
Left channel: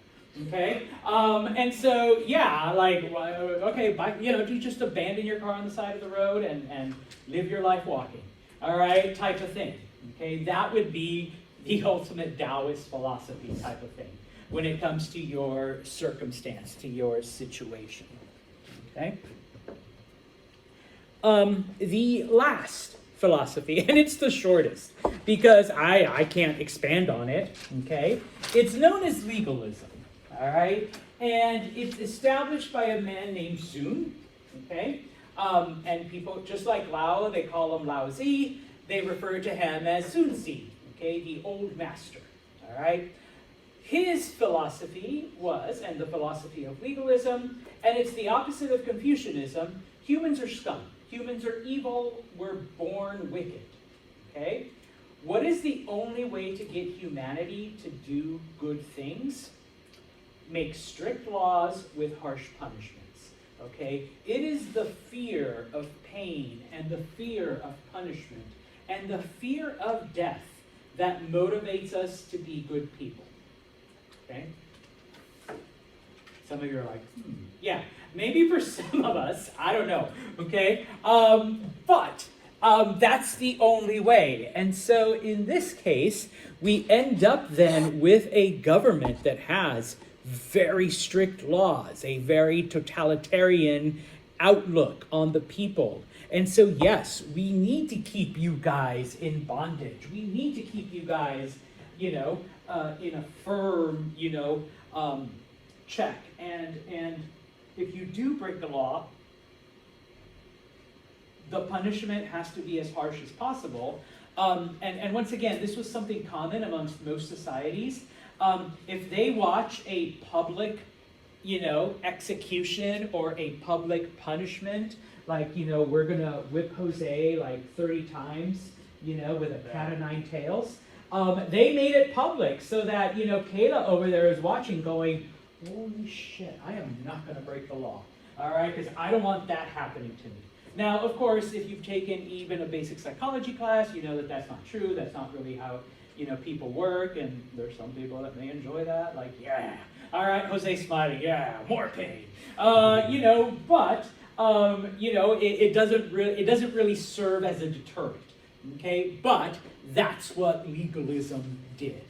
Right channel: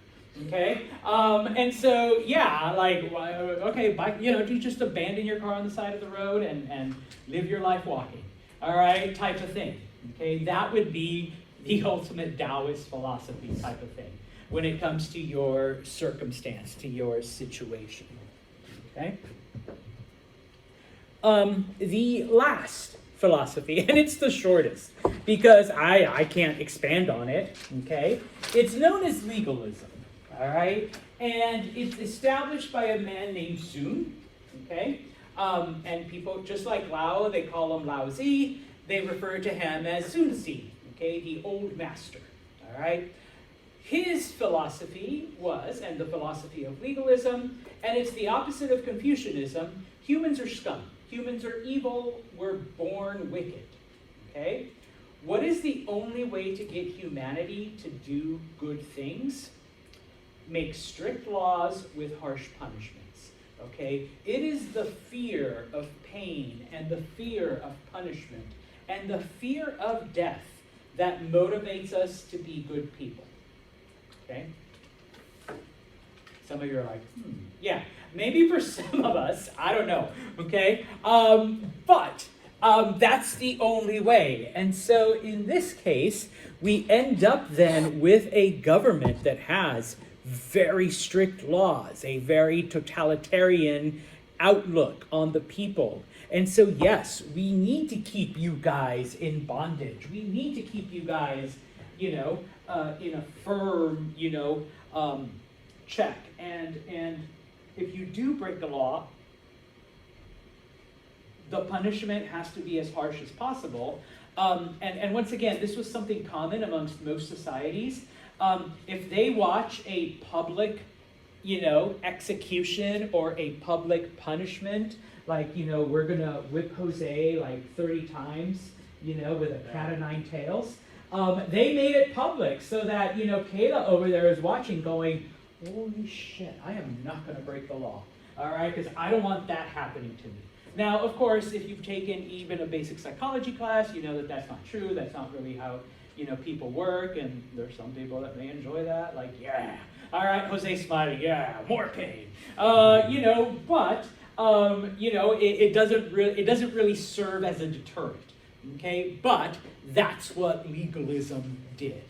Okay, and so yeah, like, okay, you just abandon your car on the side of the road and live your life walking. All right, type of thing. Okay, that would be the ultimate Taoist philosophy type of thing when it comes to your circumstance, to your situation. Okay. The last philosophy, and it's the shortest because I can't expand on it. Okay, it's known as legalism. All right, and it's established by a man named Sun, okay? And people, just like Lao, they call him Lao Zi, they refer to him as Sun Zi, okay, the old master, all right? His philosophy was, and the philosophy of legalism, and it's the opposite of Confucianism, humans are scum. Humans are evil, we're born wicked, okay? What is the only way to get humanity to do good things? Make strict laws with harsh punishments, okay? It is the fear of pain and the fear of punishment and the fear of death that motivates us to be good people, okay? Some of you are like, yeah, maybe for some of us, I don't know, okay? But that's the only way. And so in this case, we end up then with a government that has very strict laws, a very totalitarian outlook on the people. And so, yes, we need to keep you guys in bondage. We need to keep you guys, in a firm, check. And if you do break the law, the punishment has to be as harsh as possible. And once again, this was something common amongst most societies. If they watch a public, execution or a public punishment, like, we're going to whip Jose like 30 times, with a cat of nine tails, they made it public so that, Kayla over there is watching going, holy shit, I am not going to break the law, all right, because I don't want that happening to me. Now, of course, if you've taken even a basic psychology class, you know that that's not true, that's not really how people work, and there's some people that may enjoy that, like, yeah, all right, Jose Smiley, yeah, more pain, but, it doesn't really serve as a deterrent, Okay, but that's what legalism did.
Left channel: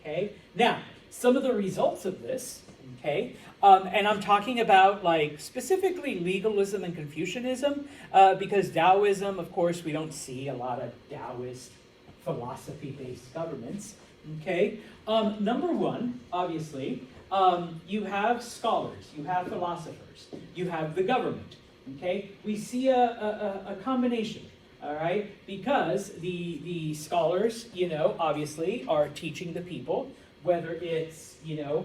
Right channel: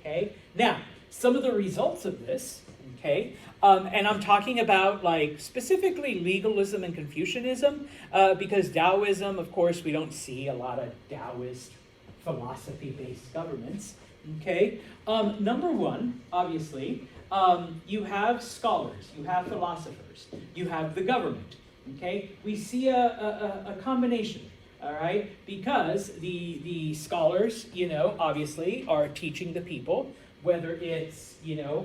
Okay, now some of the results of this. Okay, and I'm talking about like specifically legalism and Confucianism, because Taoism, of course, we don't see a lot of Taoist philosophy-based governments. Okay, number one, obviously, you have scholars, you have philosophers, you have the government. Okay, we see a combination. All right, because the scholars, obviously are teaching the people, whether it's do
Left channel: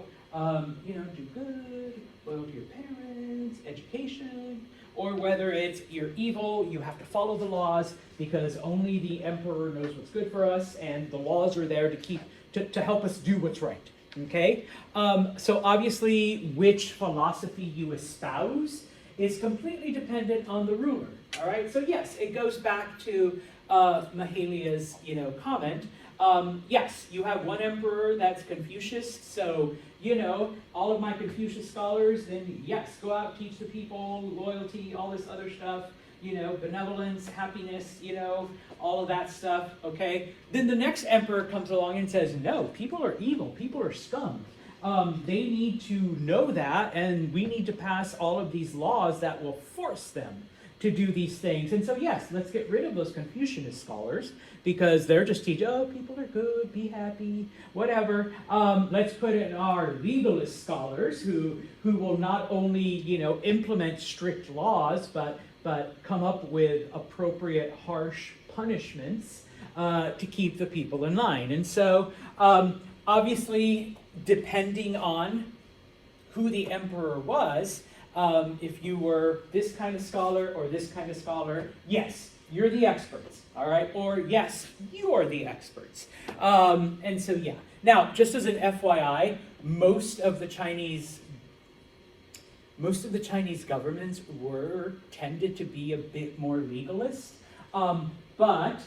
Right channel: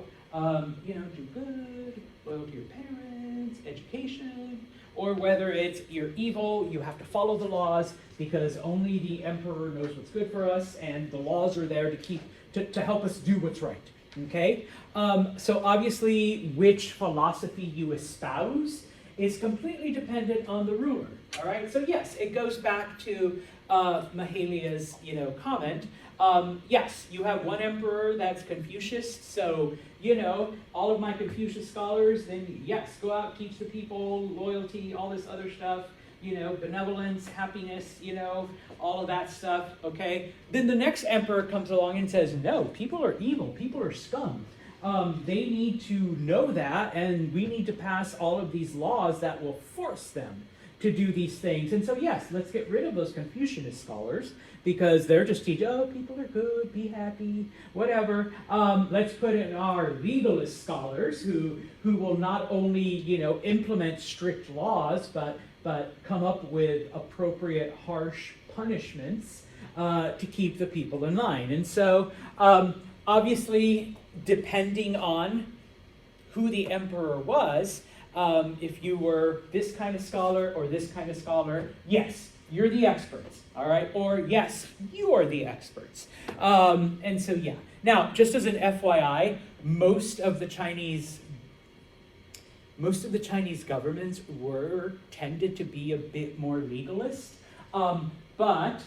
good, love your parents, education, or whether it's you're evil, you have to follow the laws because only the emperor knows what's good for us, and the laws are there to help us do what's right. Okay, so obviously, which philosophy you espouse is completely dependent on the ruler. All right, so yes, it goes back to Mahelia's comment. Yes, you have one emperor that's Confucius, so all of my Confucius scholars, then yes, go out, teach the people loyalty, all this other stuff, benevolence, happiness, all of that stuff. Okay, then the next emperor comes along and says, no, people are evil, people are scum. They need to know that, and we need to pass all of these laws that will force them to do these things. And so, yes, let's get rid of those Confucianist scholars because they're just teaching, oh, people are good, be happy, whatever. Let's put in our legalist scholars who will not only, implement strict laws, but come up with appropriate harsh punishments to keep the people in line. And so, obviously, depending on who the emperor was, if you were this kind of scholar or this kind of scholar, yes, you're the experts, all right? Or yes, you are the experts. And so, yeah. Now, just as an FYI, most of the Chinese governments tended to be a bit more legalist, but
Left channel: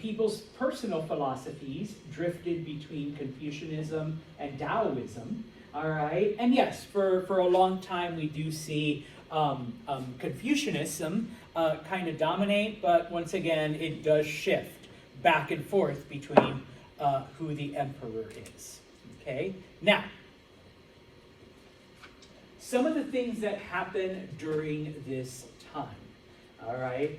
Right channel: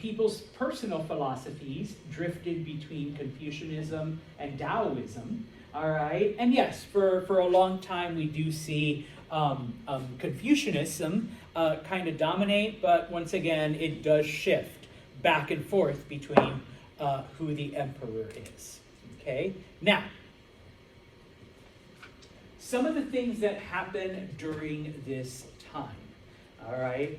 people's personal philosophies drifted between Confucianism and Taoism. All right, and yes, for a long time we do see Confucianism kind of dominate, but once again it does shift back and forth between who the emperor is. Okay, now some of the things that happen during this time. All right,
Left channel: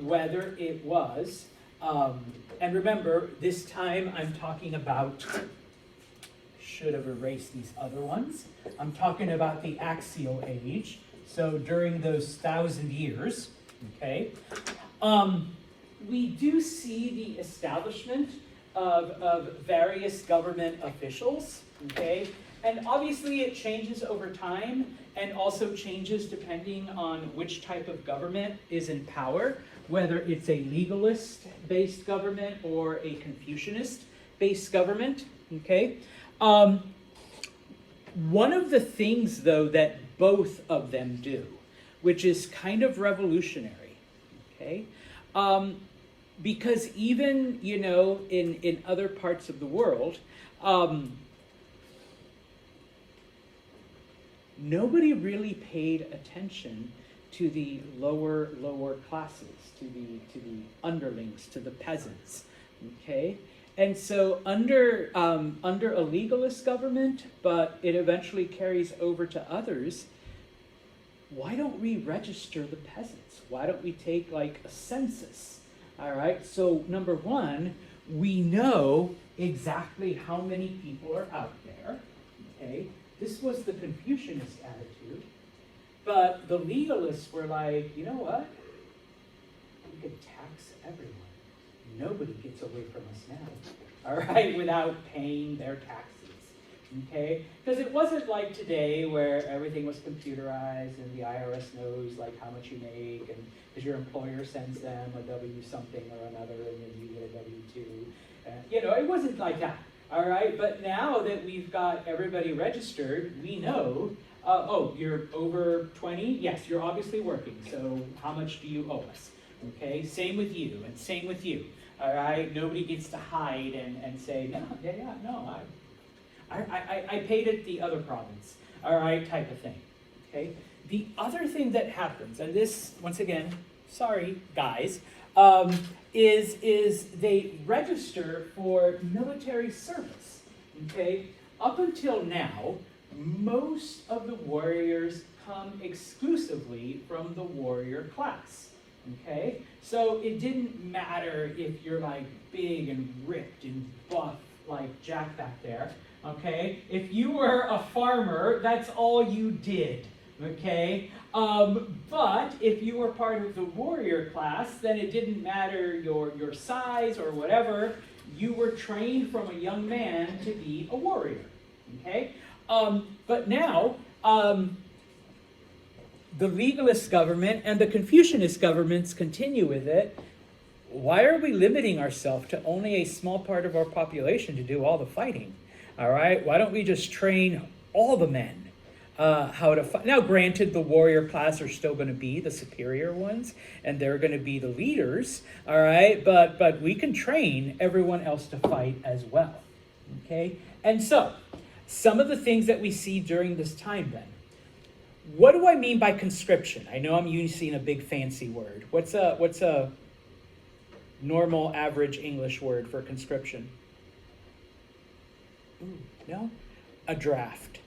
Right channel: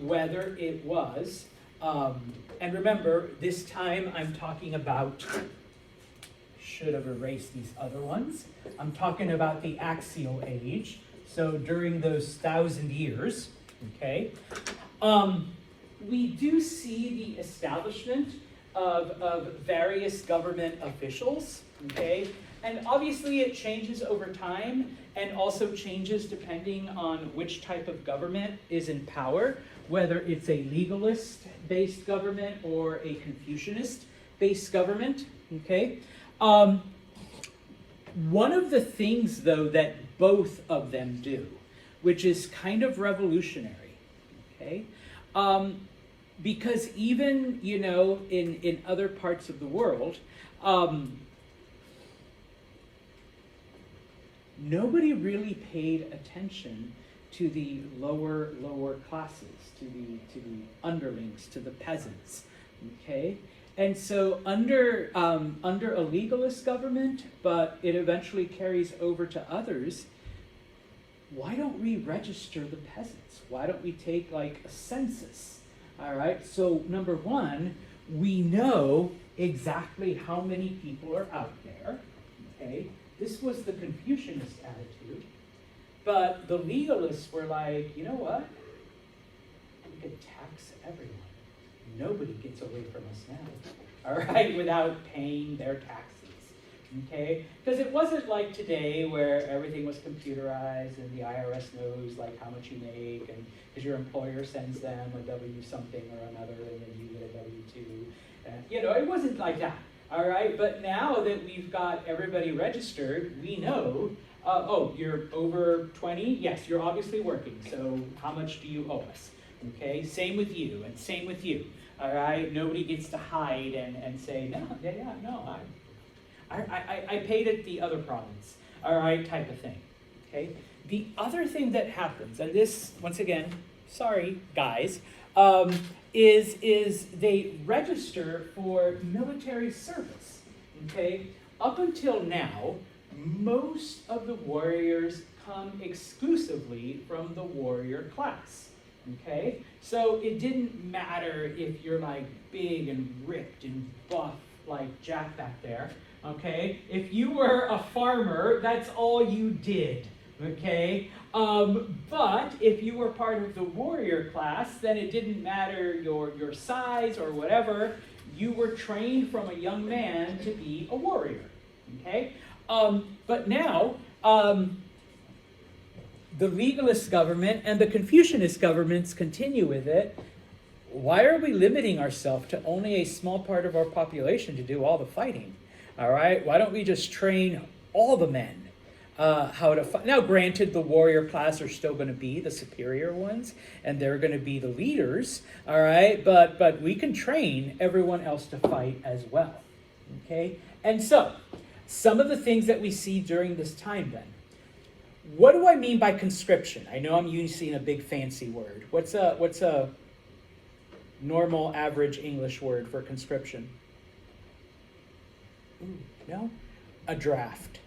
whether it was, and remember this time I'm talking about. Should have erased these other ones. I'm talking about the Axial Age. So during those 1,000 years, okay, we do see the establishment of various government officials, okay, and obviously it changes over time and also changes depending on which type of government is in power, whether it's a legalist-based government or a Confucianist-based government, okay. One of the things, though, that both of them do, which is kind of revolutionary, okay? Because even, in other parts of the world, nobody really paid attention to the lower classes, to the underlings, to the peasants, okay? And so under a legalist government, but it eventually carries over to others, why don't we register the peasants? Why don't we take like a census? All right, so number one, we know exactly how many people are out there, okay? This was the Confucianist attitude, but the legalists were like, you know what? We could tax everyone. Nobody gets away from us now, all right, without paying their taxes, okay? Because it wasn't like today where everything was computerized and the IRS knows like how much you make, and because your employer sends them a W something or another, and then you get a W-2. And, it wasn't like that, all right? But now that we've got everybody registered, we know, oh, you're over 20? Yes, you're obviously working, so how much do you owe us? Okay, same with you, and same with you. All right, nobody gets to hide and say, no, I paid it the other province. All right, type of thing. Okay. The other thing that happens, and this once again, sorry guys, is they register for military service. Okay, up until now, most of the warriors come exclusively from the warrior class. Okay, so it didn't matter if you're like big and ripped and buff like Jack back there. Okay, if you were a farmer, that's all you did. Okay, but if you were part of the warrior class, then it didn't matter your size or whatever. You were trained from a young man to be a warrior. Okay, but now the legalist government and the Confucianist governments continue with it. Why are we limiting ourselves to only a small part of our population to do all the fighting? All right, why don't we just train all the men how to fight? Now, granted, the warrior class are still going to be the superior ones, and they're going to be the leaders. All right, but we can train everyone else to fight as well. Okay, and so some of the things that we see during this time then. What do I mean by conscription? I know I'm using a big fancy word. What's a normal average English word for conscription? No? A draft.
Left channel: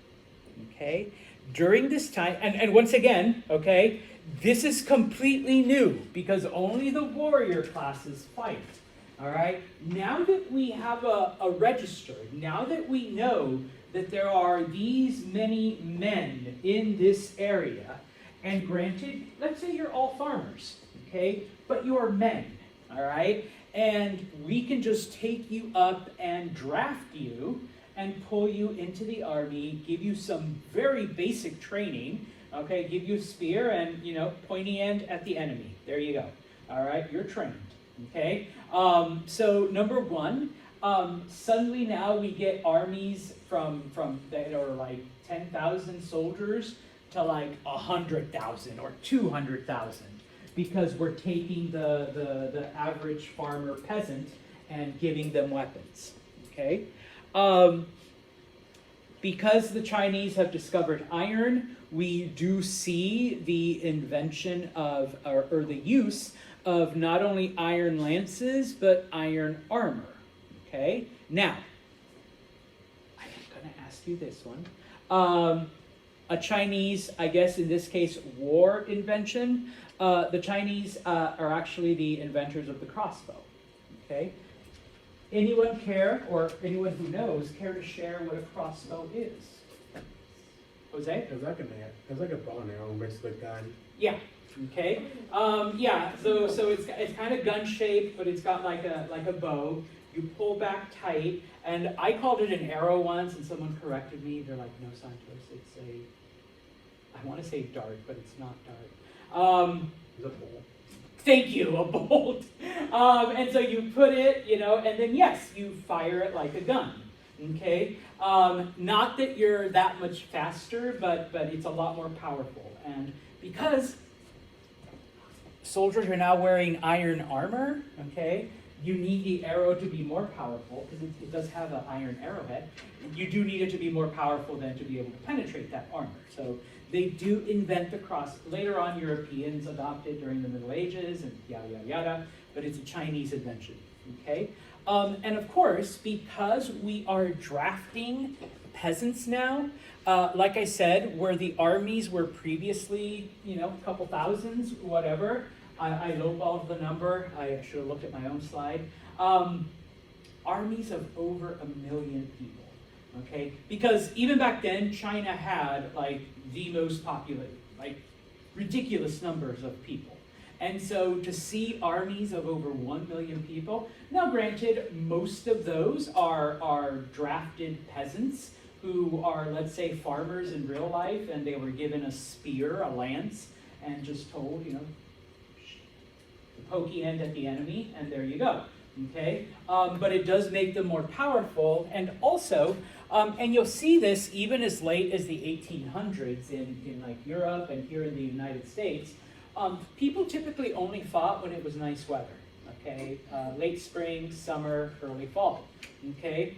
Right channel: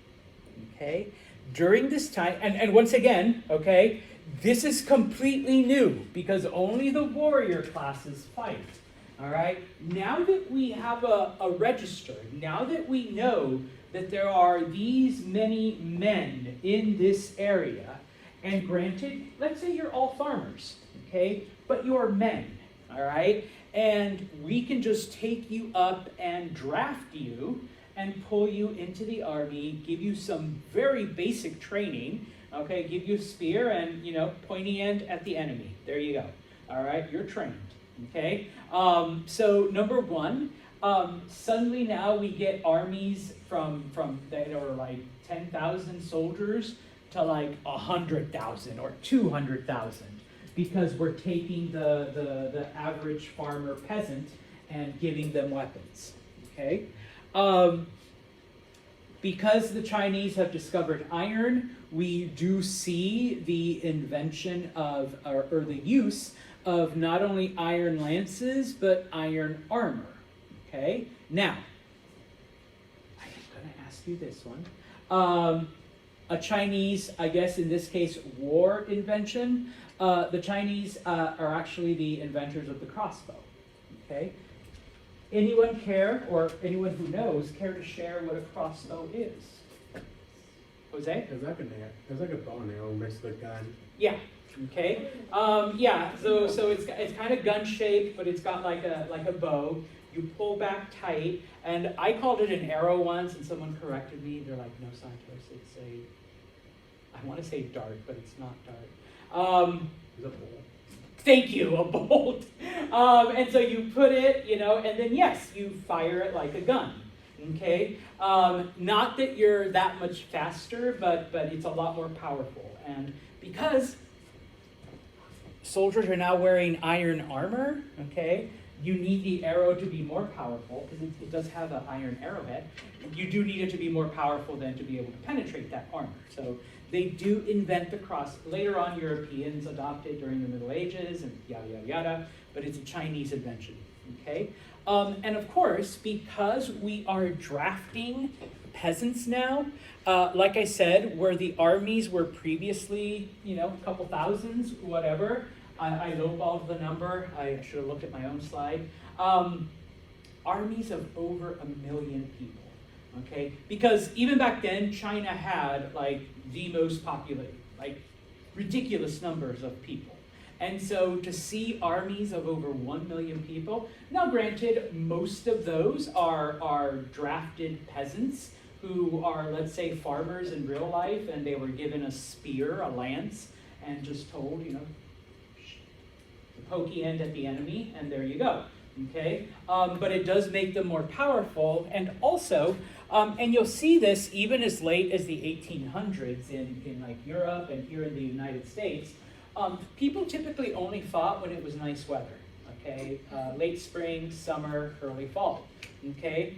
Okay? During this time, and once again, okay, this is completely new because only the warrior classes fight. All right? Now that we have a register, now that we know that there are these many men in this area, and granted, let's say you're all farmers, okay, but you're men, all right, and we can just take you up and draft you and pull you into the army, give you some very basic training, okay, give you a spear and, pointy end at the enemy. There you go. All right, you're trained, okay? So number one, suddenly now we get armies from that are like 10,000 soldiers to like 100,000 or 200,000 because we're taking the average farmer peasant and giving them weapons. Okay, because the Chinese have discovered iron, we do see the invention of or the use of not only iron lances but iron armor. Okay, now, I'm going to ask you this one. A Chinese, I guess in this case, war invention. The Chinese are actually the inventors of the crossbow. Okay, anyone care, or anyone who knows, care to share what a crossbow is? Jose? It's like a bow and arrow mixed with gun. Yeah. Okay. Yeah. So it's kind of gun shaped, but it's got like a bow. You pull back tight, and I called it an arrow once, and someone corrected me. They're like, "No, scientist, it's I want to say dart, but it's not dart." It's a bowl. Thank you, a bolt. And so you put it, and then yes, you fire it like a gun. Okay. Not that you're that much faster, but it's a lot more powerful, and because soldiers are now wearing iron armor, okay, you need the arrow to be more powerful because it does have an iron arrowhead. You do need it to be more powerful than to be able to penetrate that armor. So they do invent the cross. Later on, Europeans adopted during the Middle Ages and yada, yada, yada, but it's a Chinese invention, okay? And of course, because we are drafting peasants now, like I said, where the armies were previously, a couple thousands, whatever, I lowballed the number. I should have looked at my own slide. Armies of over 1 million people. Okay, because even back then, China had like the most populated, like ridiculous numbers of people. And so to see armies of over 1 million people, now granted, most of those are drafted peasants who are, let's say, farmers in real life, and they were given a spear, a lance, and just told, the pokey end at the enemy, and there you go. Okay, but it does make them more powerful, and also, and you'll see this even as late as the 1800s in like Europe and here in the United States. People typically only fought when it was nice weather. Okay, late spring, summer, early fall. Okay,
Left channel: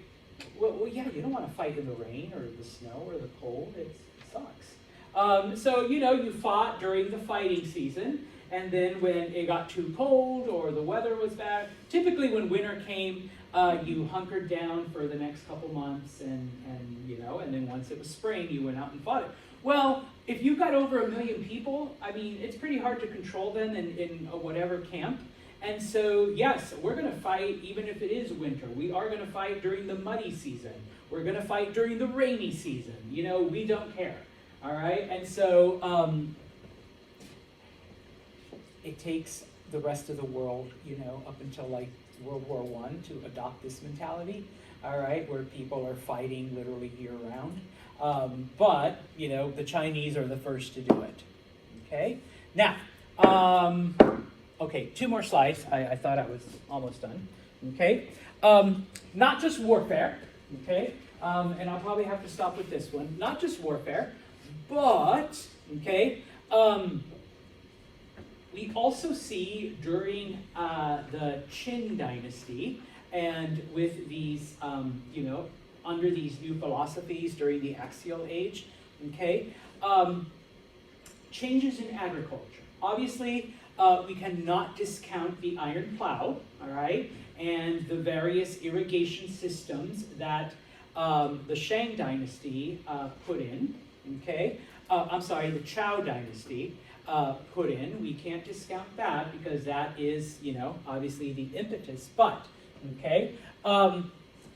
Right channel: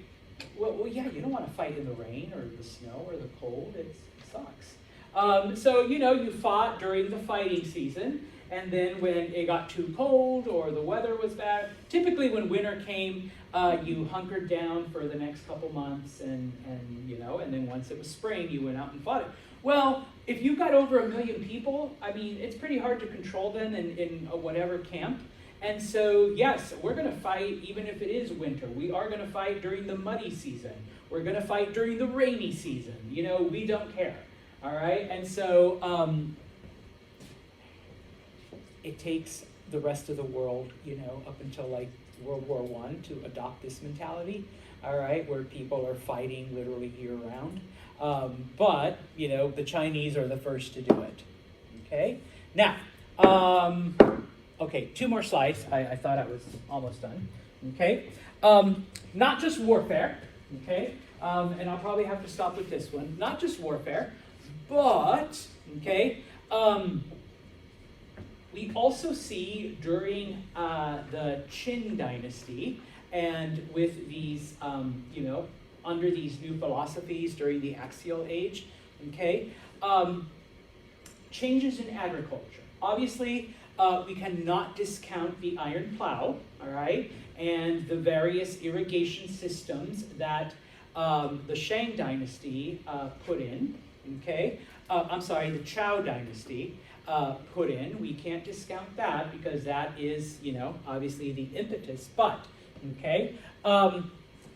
well, yeah, you don't want to fight in the rain or the snow or the cold. It sucks. So you fought during the fighting season. And then when it got too cold or the weather was bad, typically when winter came, you hunkered down for the next couple months, and then once it was spring, you went out and fought it. Well, if you've got over 1 million people, I mean, it's pretty hard to control them in whatever camp. And so, yes, we're going to fight even if it is winter. We are going to fight during the muddy season. We're going to fight during the rainy season. We don't care. All right? And so, it takes the rest of the world, up until like World War I to adopt this mentality, all right, where people are fighting literally year-round. But, the Chinese are the first to do it, okay? Now, okay, 2 more slides. I thought I was almost done, okay? Not just warfare, okay? And I'll probably have to stop with this one. Not just warfare, but, okay, we also see during the Qin dynasty and with these, under these new philosophies during the axial age, okay, changes in agriculture. Obviously, we cannot discount the iron plow, all right, and the various irrigation systems that the Shang dynasty put in, okay? I'm sorry, the Zhou dynasty put in. We can't discount that because that is, obviously the impetus, but, okay?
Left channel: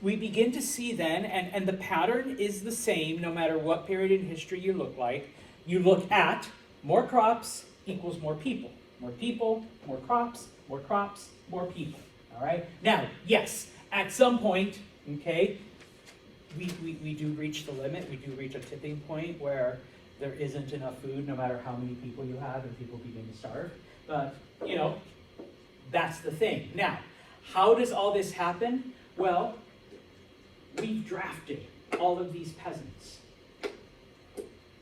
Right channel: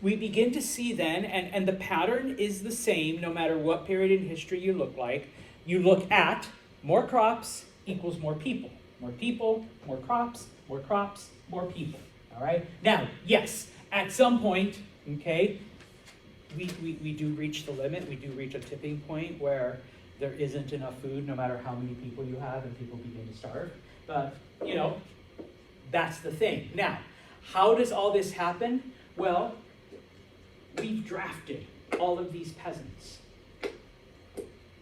We begin to see then, and the pattern is the same no matter what period in history you look like. You look at more crops equals more people. More people, more crops, more crops, more people, all right? Now, yes, at some point, okay, we do reach the limit. We do reach a tipping point where there isn't enough food no matter how many people you have and people begin to starve. But, that's the thing. Now, how does all this happen? Well, we've drafted all of these peasants.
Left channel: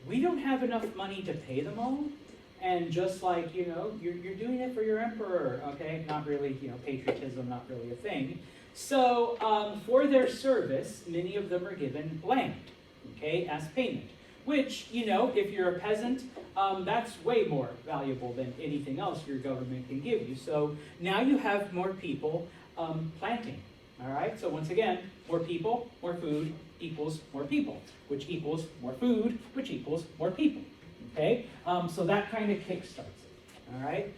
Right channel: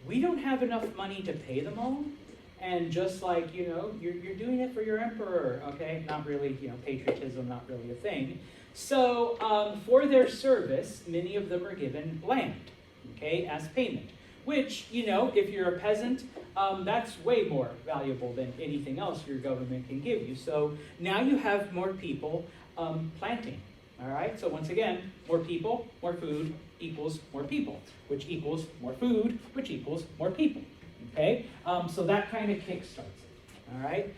We don't have enough money to pay them all. And just like, you're doing it for your emperor, okay? Not really, patriotism, not really a thing. So for their service, many of them are given land, okay, as payment. Which, if you're a peasant, that's way more valuable than anything else your government can give you. So now you have more people planting, all right? So once again, more people, more food equals more people, which equals more food, which equals more people, okay? So that kind of kickstarts it, all right?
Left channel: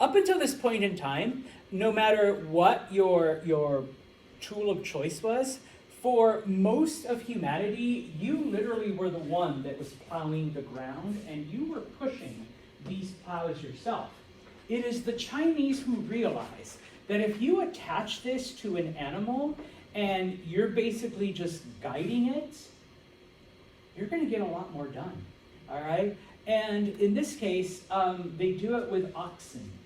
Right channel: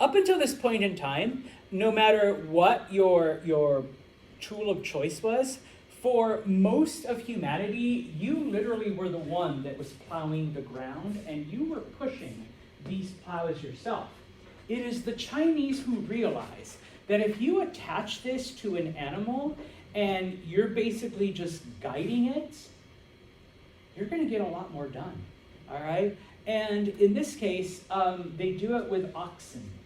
Up until this point in time, no matter what your tool of choice was, for most of humanity, you literally were the one that was plowing the ground, and you were pushing these plows yourself. It is the Chinese who realize that if you attach this to an animal and you're basically just guiding it, you're going to get a lot more done, all right? And in this case, they do it with oxen,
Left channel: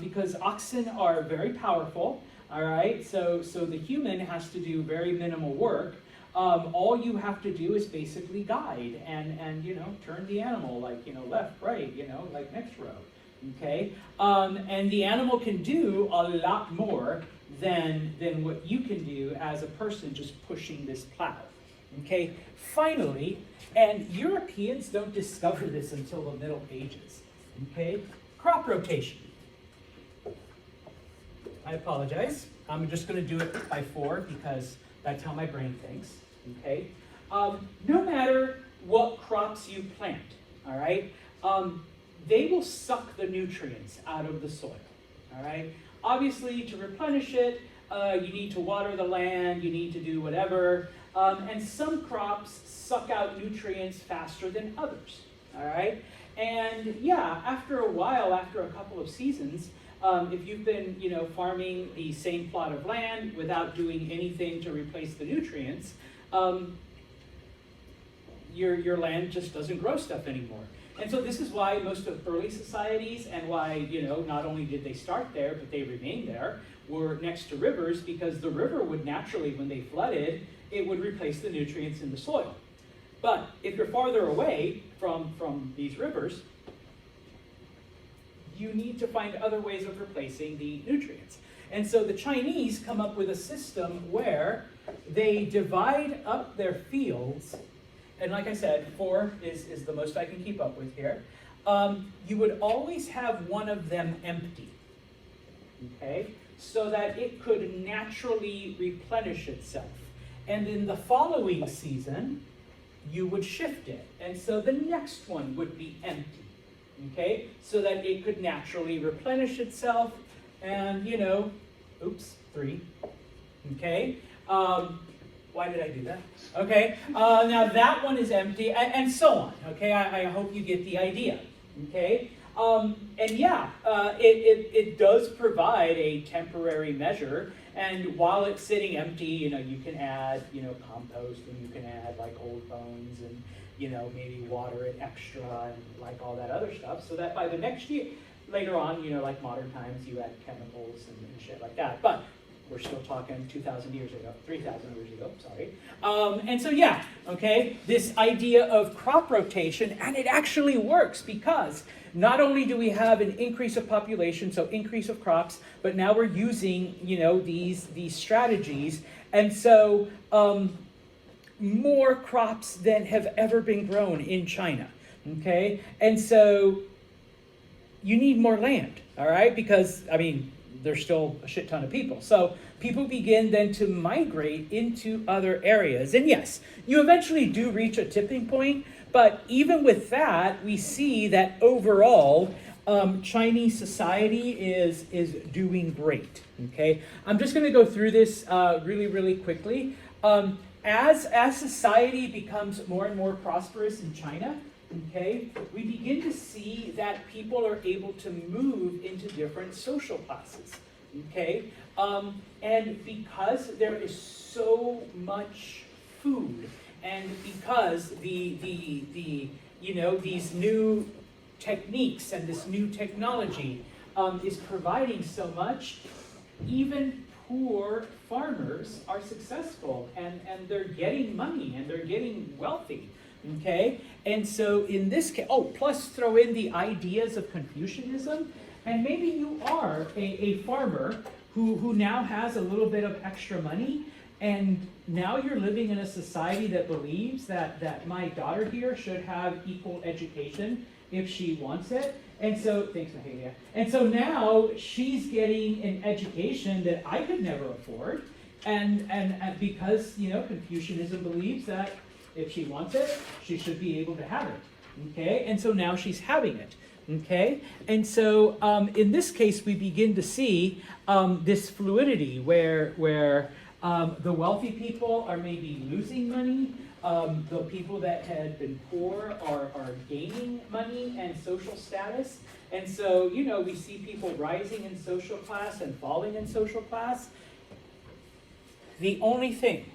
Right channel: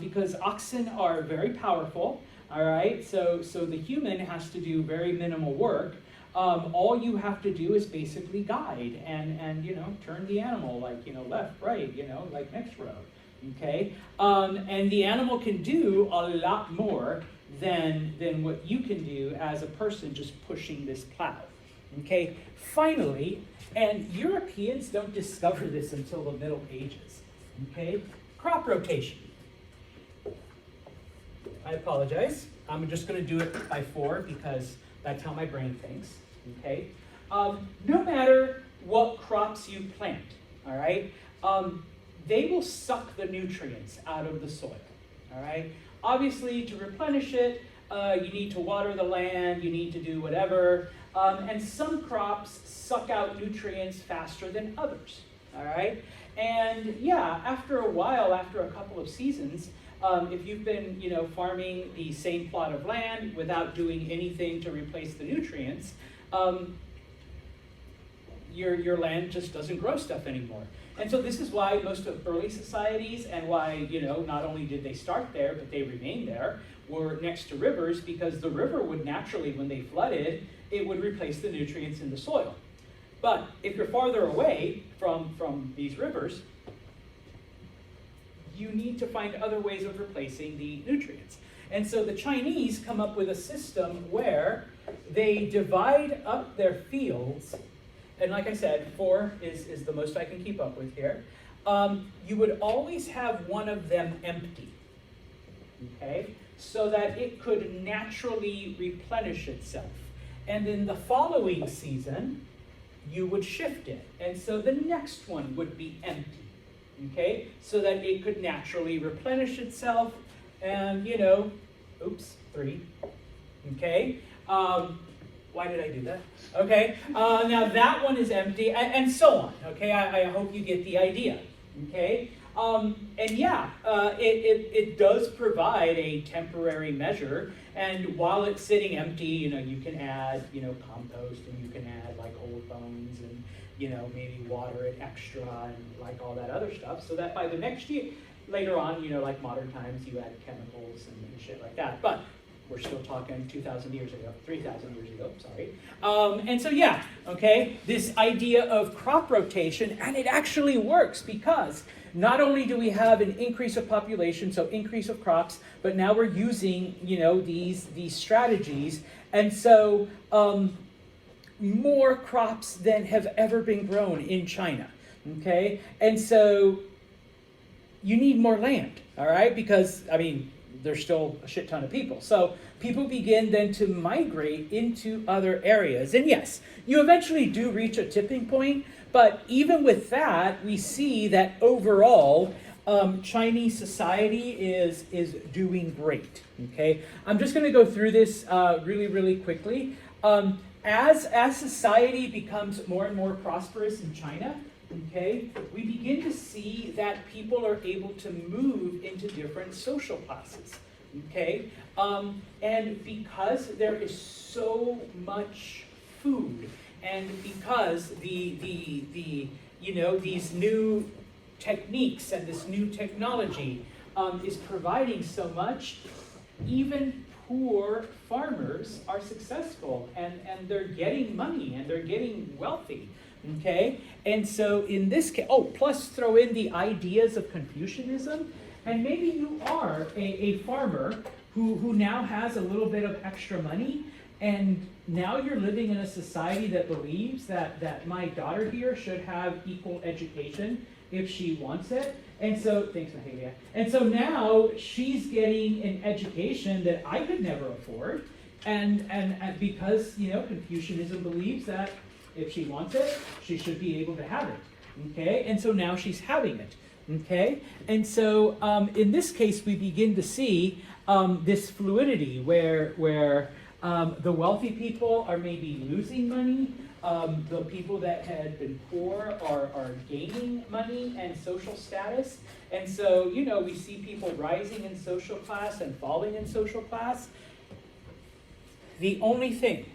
because oxen are very powerful. All right, so the human has to do very minimal work. All you have to do is basically guide and turn the animal like, left, right, like next row, okay? And the animal can do a lot more than what you can do as a person just pushing this plow, okay? Finally, and Europeans don't discover this until the Middle Ages, okay? Crop rotation. I apologize. I'm just going to do it by 4 because that's how my brain thinks, okay? No matter what crops you plant, all right, they will suck the nutrients out of the soil, all right? Obviously, to replenish it, you need to water the land, you need to do whatever, and some crops suck out nutrients faster than others, all right? And yeah, after a while, after a couple of seasons, if you've been, farming the same plot of land without doing anything to replace the nutrients, your land just doesn't grow stuff anymore. And so this is why most of early societies and why, not only did they start there, but they remained there, were next to rivers, because the river would naturally, when they flooded, it would replace the nutrients in the soil. But if you're farther away from these rivers, you need to find other ways of replacing the nutrients. And so the Chinese come up with a system where they divide up their fields and like I said, 4 is the most I can keep up with here, you would always have one of them empty, okay, so that it could naturally replenish itself. And in the following season, you would shift it, and so the next one would be empty, okay, so that it could naturally replenish itself, and, you know, oops, 3, okay, why did I do that? Okay, now that one is empty, and so on, okay, I hope you get the idea, okay, and yeah, it does provide a temporary measure, and while it's sitting empty, you know, you can add, you know, compost, and you can add like old bones, and, you know, maybe water it extra, and like all that other stuff, so that by the next year, later on, you know, like modern times, you add chemicals and shit like that, but we're still talking 2,000 years ago, 3,000 years ago, sorry. And so, yeah, okay, this idea of crop rotation, and it actually works because not only do we have an increase of population, so increase of crops, but now we're using, you know, these strategies, and so more crops than have ever been grown in China, okay? And so you need more land, all right? Because, I mean, there's still a shit ton of people. So people begin then to migrate into other areas. And yes, you eventually do reach a tipping point, but even with that, we see that overall, Chinese society is doing great, okay? I'm just gonna go through this really, really quickly. As society becomes more and more prosperous in China, okay, we begin to see that people are able to move into different social classes, okay? And because there is so much food, and because the you know, these new techniques and this new technology is providing so much, even poor farmers are successful, and they're getting money, and they're getting wealthy. Okay, and so in this case, plus throw in the ideas of Confucianism, and maybe you are a farmer who now has a little bit of extra money, and now you're living in a society that believes that my daughter here should have equal education if she wants it. And so, thanks, Mahalia. And so now she's getting an education that I could never afford, and because, you know, Confucianism believes that if she wants it, she should be able to have it, okay? And so now she's having it, okay? And so in this case, we begin to see this fluidity where the wealthy people are maybe losing money, the people that had been poor are gaining money and social status. And so, you know, we see people rising in social class and falling in social class. The only thing,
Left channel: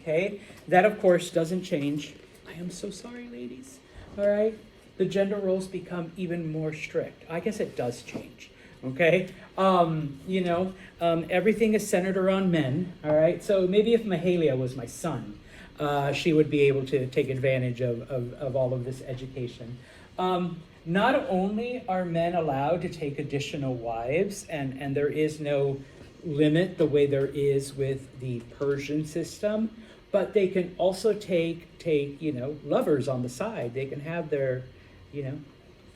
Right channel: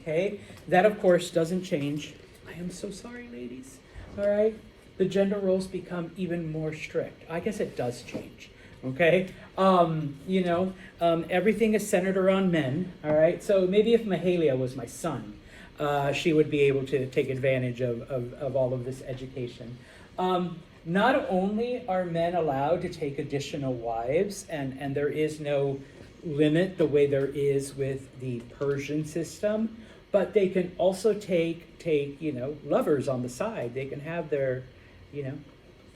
okay, that of course doesn't change. I am so sorry, ladies. All right, the gender roles become even more strict. I guess it does change. Okay, you know, everything is centered around men. All right, so maybe if Mahalia was my son, she would be able to take advantage of all of this education. Not only are men allowed to take additional wives, and there is no limit the way there is with the Persian system, but they can also take you know, lovers on the side. They can have their, you know,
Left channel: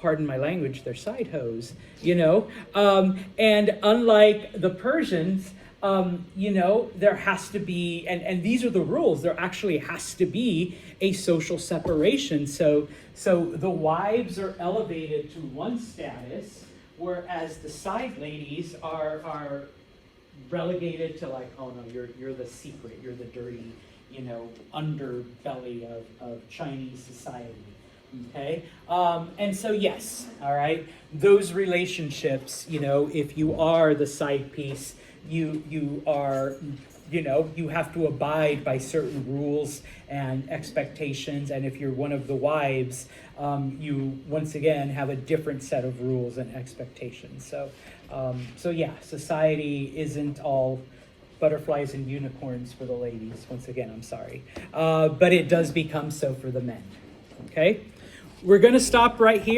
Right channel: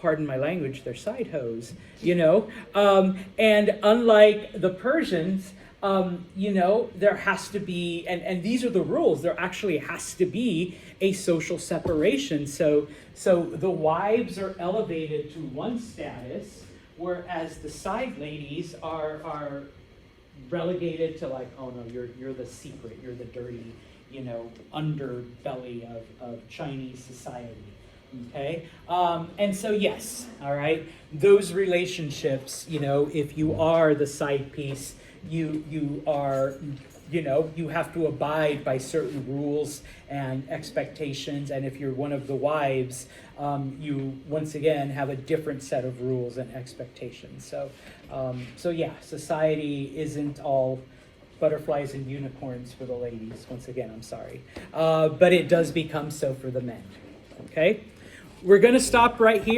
pardon my language, their side hoes, you know. And unlike the Persians, you know, there has to be, and these are the rules, there actually has to be a social separation. So the wives are elevated to one status, whereas the side ladies are relegated to like, oh no, you're the secret, you're the dirty, you know, underbelly of Chinese society. Okay, and so yes, all right, those relationships, you know, if you are the side piece, you are, you know, you have to abide by certain rules and expectations, and if you're one of the wives, you once again have a different set of rules and expectations. So yeah, society isn't all butterflies and unicorns for the ladies. Once again, I'm sorry, but it does become so for the men. Okay, we're going to stop right here.